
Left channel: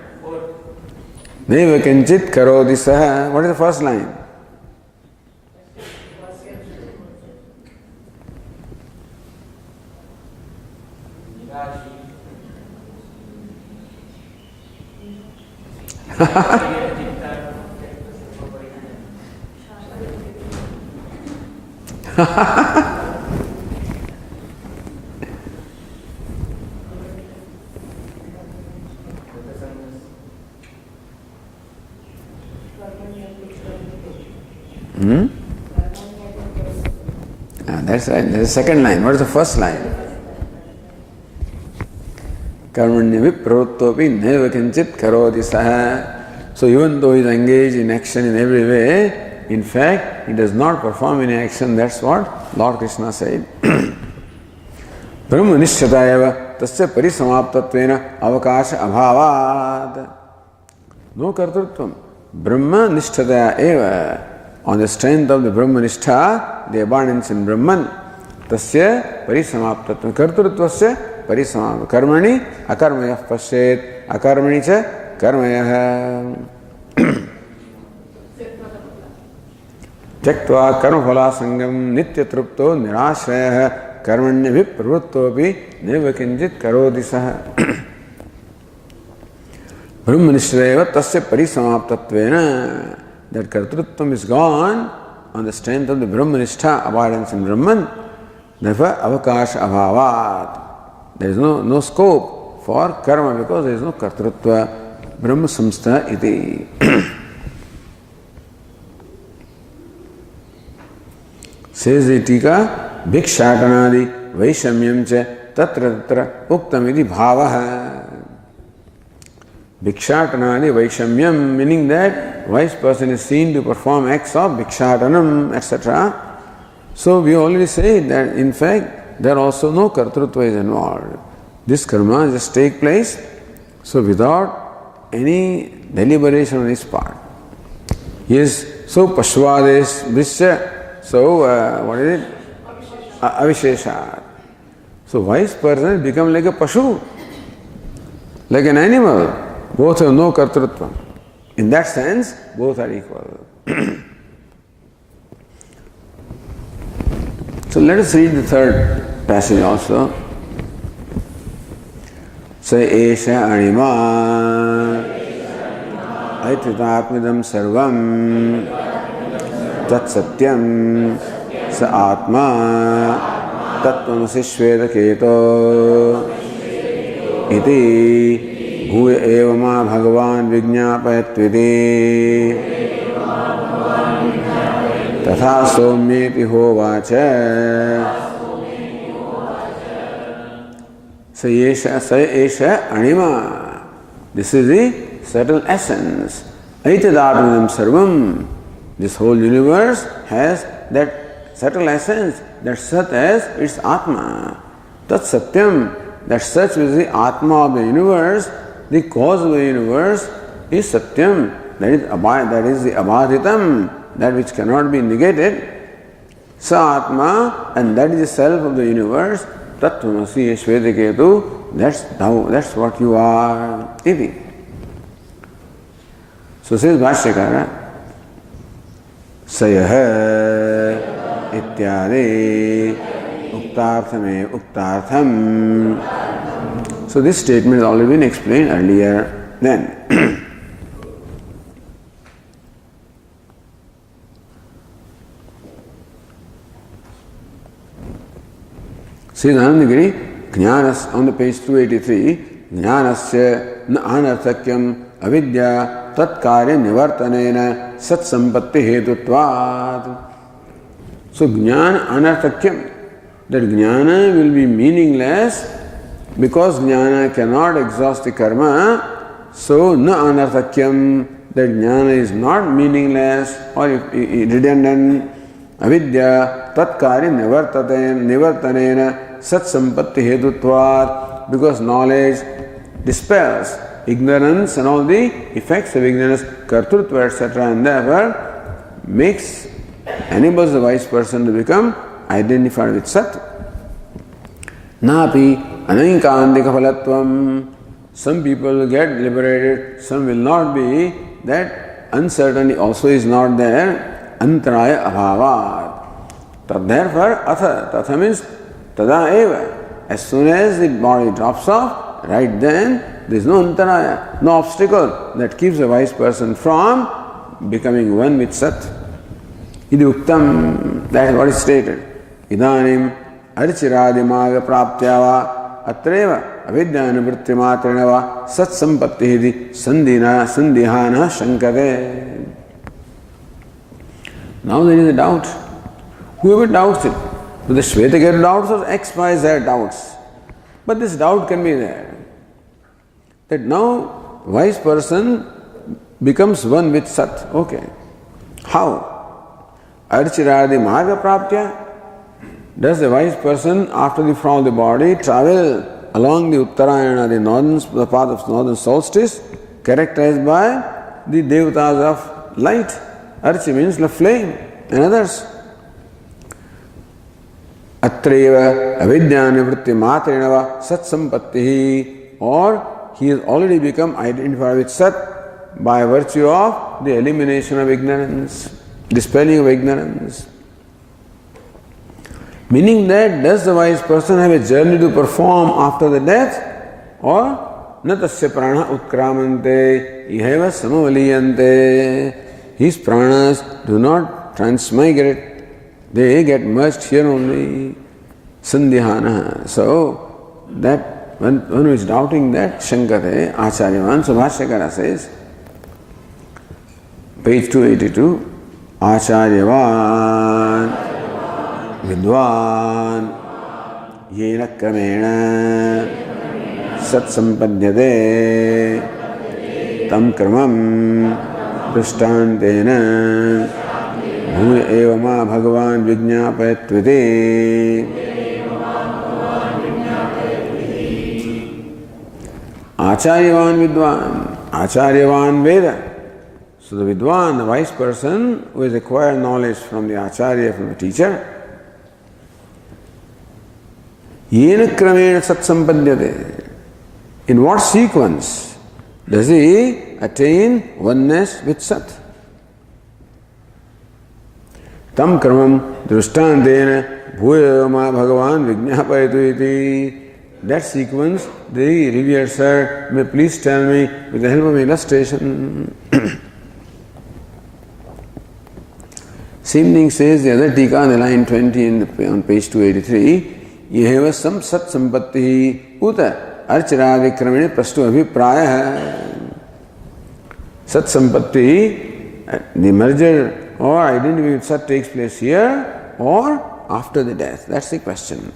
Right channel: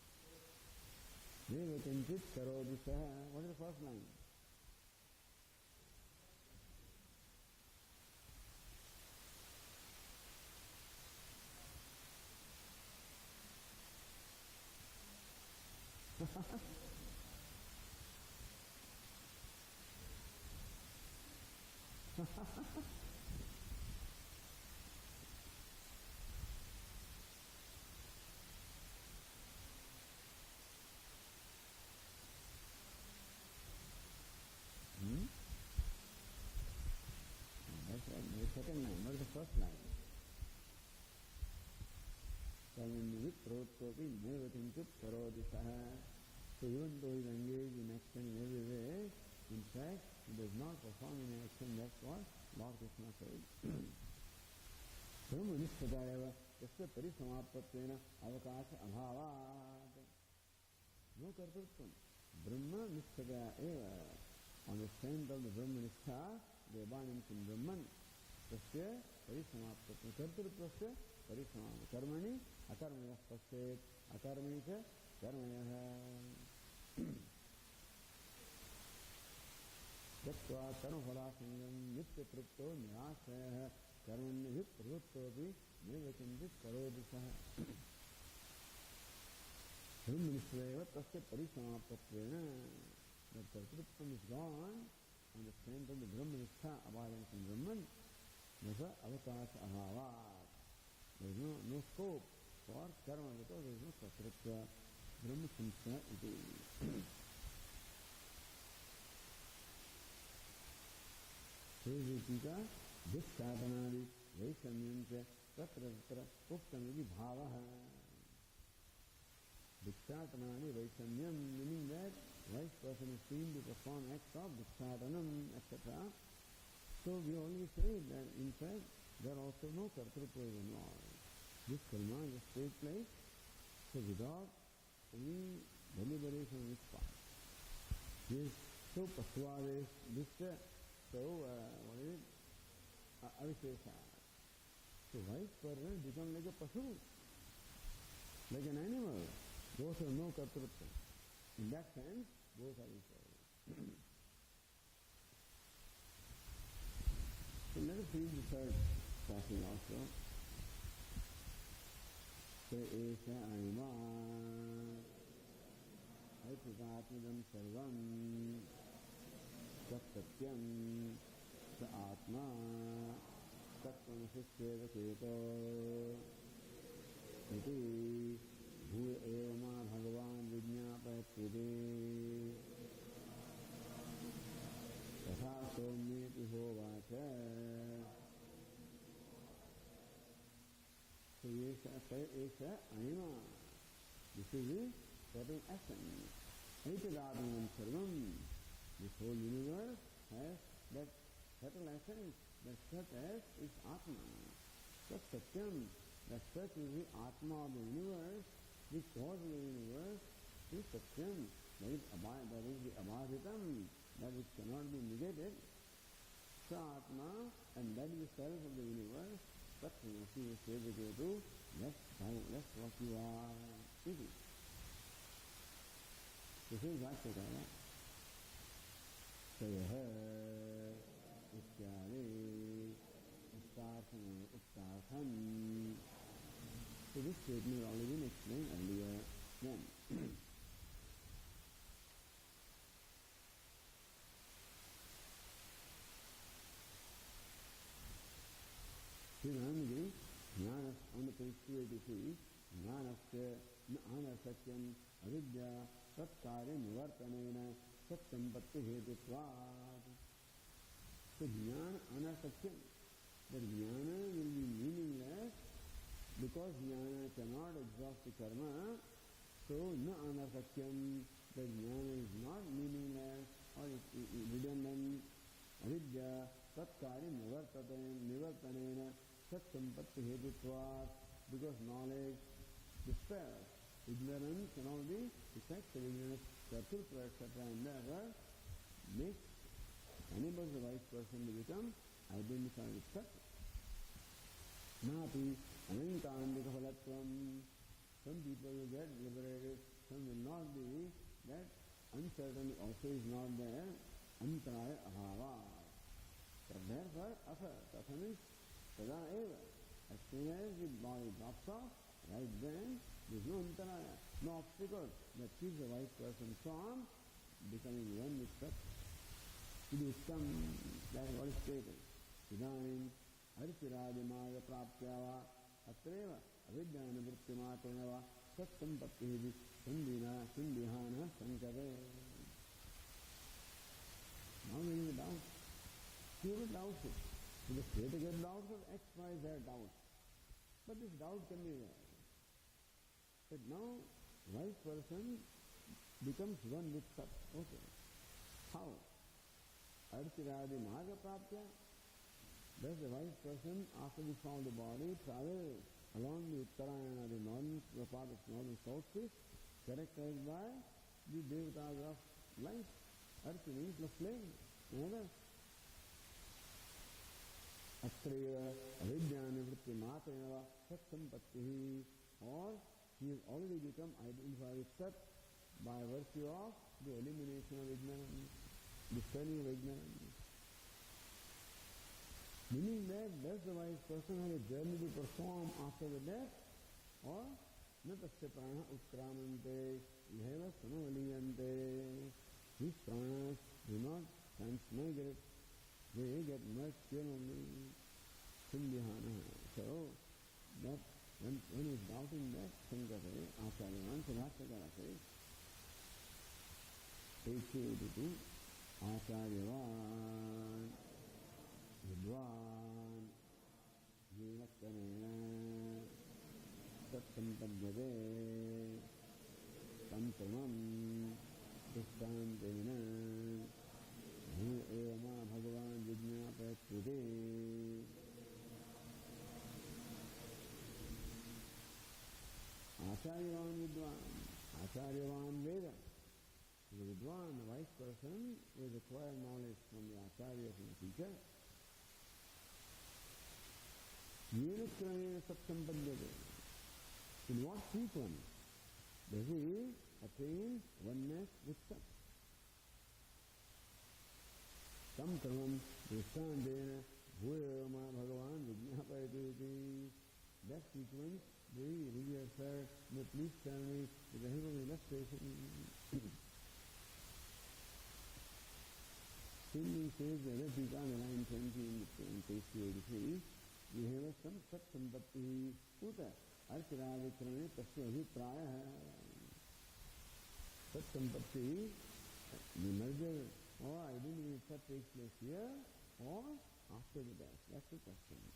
Naiva kinchit karoti saha. What is the first line? That's right. That's the second line. What is the first line? Karmanyabhi pravutvapi naiva kinchit karoti saha. So even though he is engaged in action in every way, in fact, he does not perform any action. That's what Lord Krishna said. Brahma nishyatayava tasya parisamaptatvena avakasha abhavad. No kartrutvam. Brahma nishyataya eva. On the strength of the Brahma nishtha, the abundance in Brahman, tasya parisamaptatvena. Kartrutvasya parisamaptatvena. Karmani akarmayah pashet. Akarmani cha karmayah. Tyaktva karmaphala sangam nitya trupto nirashrayah karmanyabhi pravuttopi neva kinjit karoti saha. Brahmanishrayava tasya parisamaptatvena. That kartrutvam is gone on the strength of the Brahmanishtha, abidance in Brahman. Therefore, avakasha abhavat. There is no scope for karma because there is no kartrutva. Brahma samstha iti. Says the tika, bhikshatanadi vaishamyam cha tatra tatra uktam iti bhavaha. Bhikshatanadi vaishamyam, meaning that wise person is seen to perform acts of bhikshatanam, etc. So we already said that in fact there also no kartrutva is involved. This karma just take place, so without any deliberation on his part. He is so pashvades vishya. So, what is it? Avisheshat. So, wise person become like a pashu, like an animal. Both have no kartrutva. In that sense, both are equal. So, let us read the third passage also. Sa esha anima aititatmidam sarvam tat satyam sa atma tattvamasi shvedaketo iti bhuya eva ma bhagavan vijñāpayatviti tatha somyeti hovacha. Sa esha anima. This is the subtle essence. Aitadatmanam sarvam. This whole universe has that subtle essence, that Sat as its Atma. Tat Satyam, that such is the Atma of the universe, the cause of the universe is Satyam, that is the Abhaditam, that which cannot be negated, Sa Atma, and that is the self of the universe, Tattvamasi Shvetaketu, that's thou, that's what you are. Iti. So says Bhashyakara, Sayah Ityade Uktarthame Uktartham. So this statement has already been explained earlier then. Says Anandagiri, Jnanas, on the page 283, Jnanasya na anarthakyam avidya tatkarya nivartanena satsampatti hetutvat. So Jnana anarthakyam, that Jnana will be meaningless because Jnana cannot exhaust the karma. So na anarthakyam, that Jnana is not meaningless or redundant. Avidya tatkarya nivartanena satsampatti hetutvat, because knowledge dispels ignorance and all the effects of ignorance, kartrutva, etc., and therefore enables the wise person to become identified with Sat. Napi anankandika phalatvam. Some people will get liberated, some will not be. That uncertainty also is not there. Antaraya abhavat. Therefore, tatha means tada eva. As soon as the body drops off, right then there is no antaraya, no obstacle that keeps a wise person from becoming one with Sat. Idi uktam, that is what is stated. Idanim archiradimaga praptyava atreva avidyana vrittimatrinava sat sampatti sandihana shankate. Now there is a doubt. Whoever doubts it, whether Shvetaketu doubts or X, Y, Z doubts. But this doubt can be there. That now wise person becomes one with Sat. Okay. How? Archiradi marga praptya. Does the wise person, after the fall of the body, travel along the Uttarayana, the path of northern solstice, characterized by the devatas of light? Archi means the flame and others. Atreva avidyana vritti matrinava sat sampatti, or he has already become identified with Sat by virtue of the elimination of ignorance, dispelling of ignorance. Meaning that, does the wise person have a journey to perform after the death, or na tasya prana utkramante iheva samavaliyante? His pranas do not transmigrate, they get merged here only. Sandihana. So, that one who is doubting that, Shankate, Acharyavan, so Bhashyakara says, page 282, Acharyavan Vidwan Yena Kramena Sat Sampadhyate Tam Kramam Drishtantena Bhuya eva ma bhagavan vijñāpayatvite. Acharyavan vidwan, Acharyavan Veda. So the vidwan, the wise person who has acquired knowledge from the Acharya, from the teacher, yena kramena sat sampadhyate. In what sequence does he attain oneness with Sat? Tam kramam drishtantena bhuya ma bhagavan vijñāpayatu iti. That sequence, the revered sir may please tell me with the help of illustration. Same thing says the other tika on the line 20 on page 283. Yeheva sam sat sampatti uta archiradi kramene prastu abhipraya. Sat sampatti, the merger or identity with Sat takes place here or after the death. That's the question.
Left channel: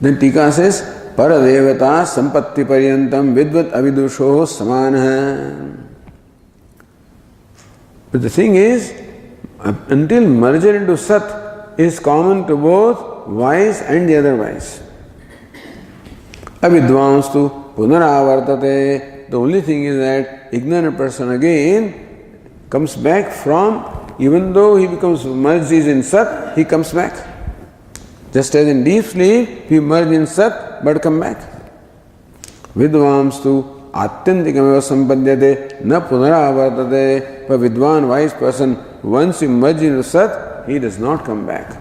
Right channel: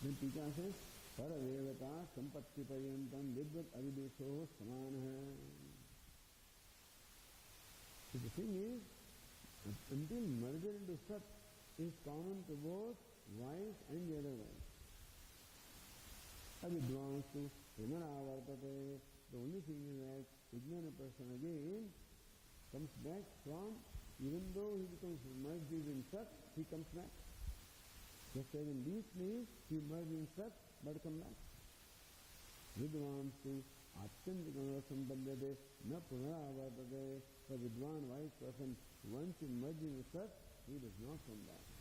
Then tika says, Paradevata sampatti paryantam vidvat avidusho samana. But the thing is, until merger into Sat is common to both wise and the other wise. Avidvanstu punaravartate the only thing is that ignorant person again comes back from, even though he becomes merged in Sat, he comes back. Just as in deep sleep, he merge in Sat but come back. Vidvamstu atyantikameva sampadhyate na punaravartate. But Vidwan, wise person, once he merges into Sat, he does not come back.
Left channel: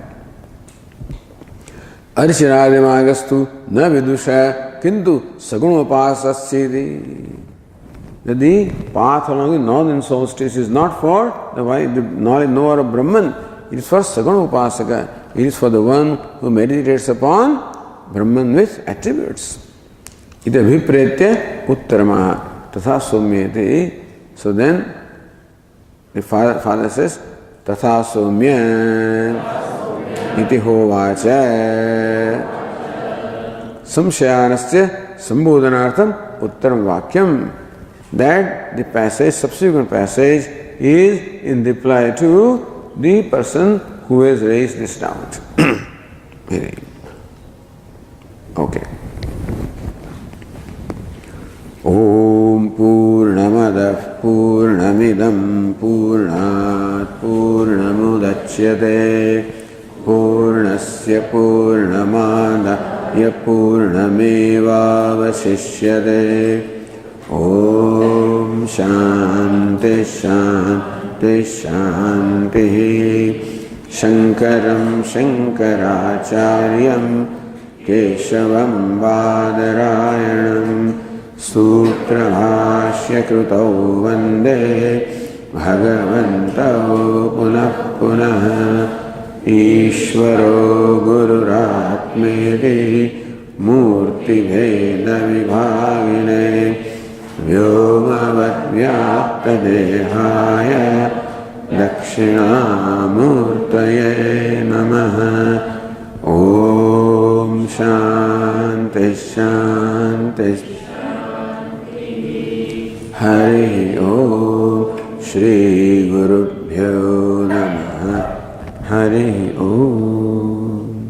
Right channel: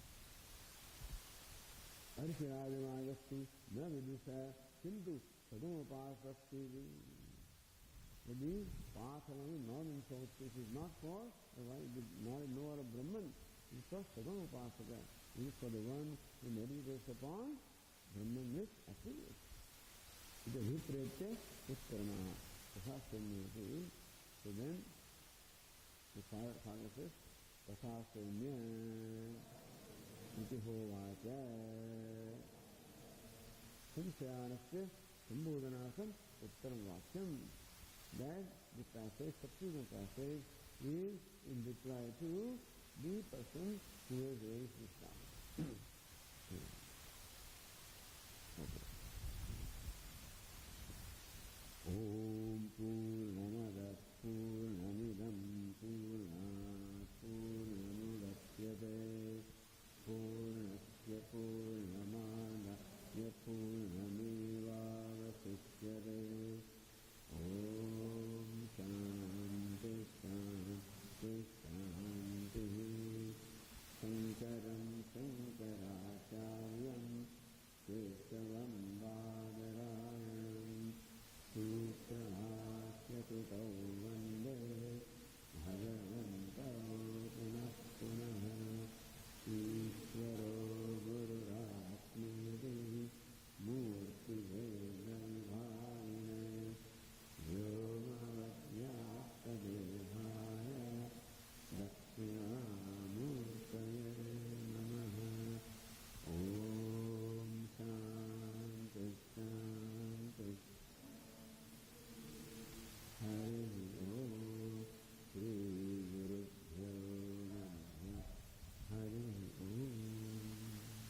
Arishirādimāgastu na vidusha kintu sagunopāsasyati. The path along the northern solstice is not for the knowledge, knower of Brahman. It is for Saguna Upasaka. It is for the one who meditates upon Brahman with attributes. Ita vipretya uttaramaha tatha somyate. So then the father says, tatha somya iti hovacha samshayanasya sambodhanartham uttaram vakyam. That the passage, subsequent passage, is in reply to the person who has raised this doubt. Okay. Om Purnamadav Purnamidam Purnat Purnamudachyate Purnasya Purnamadaya Purnamevavasishyate. Om Shanti Shanti Shanti. Shankaram Shankaracharyam Keshavam Badarayanam Sutra Bhashya Krutau Vande Bhagavantau Punah Punah Ishvaro Gururatmeti Murti Veda Vibhagine Vyomavad Vyapta Dehaya Dakshinamurtaye Namaha. Om Shanti Shanti. Hari Om. Shri Gurubhyo Namaha. Hari Om.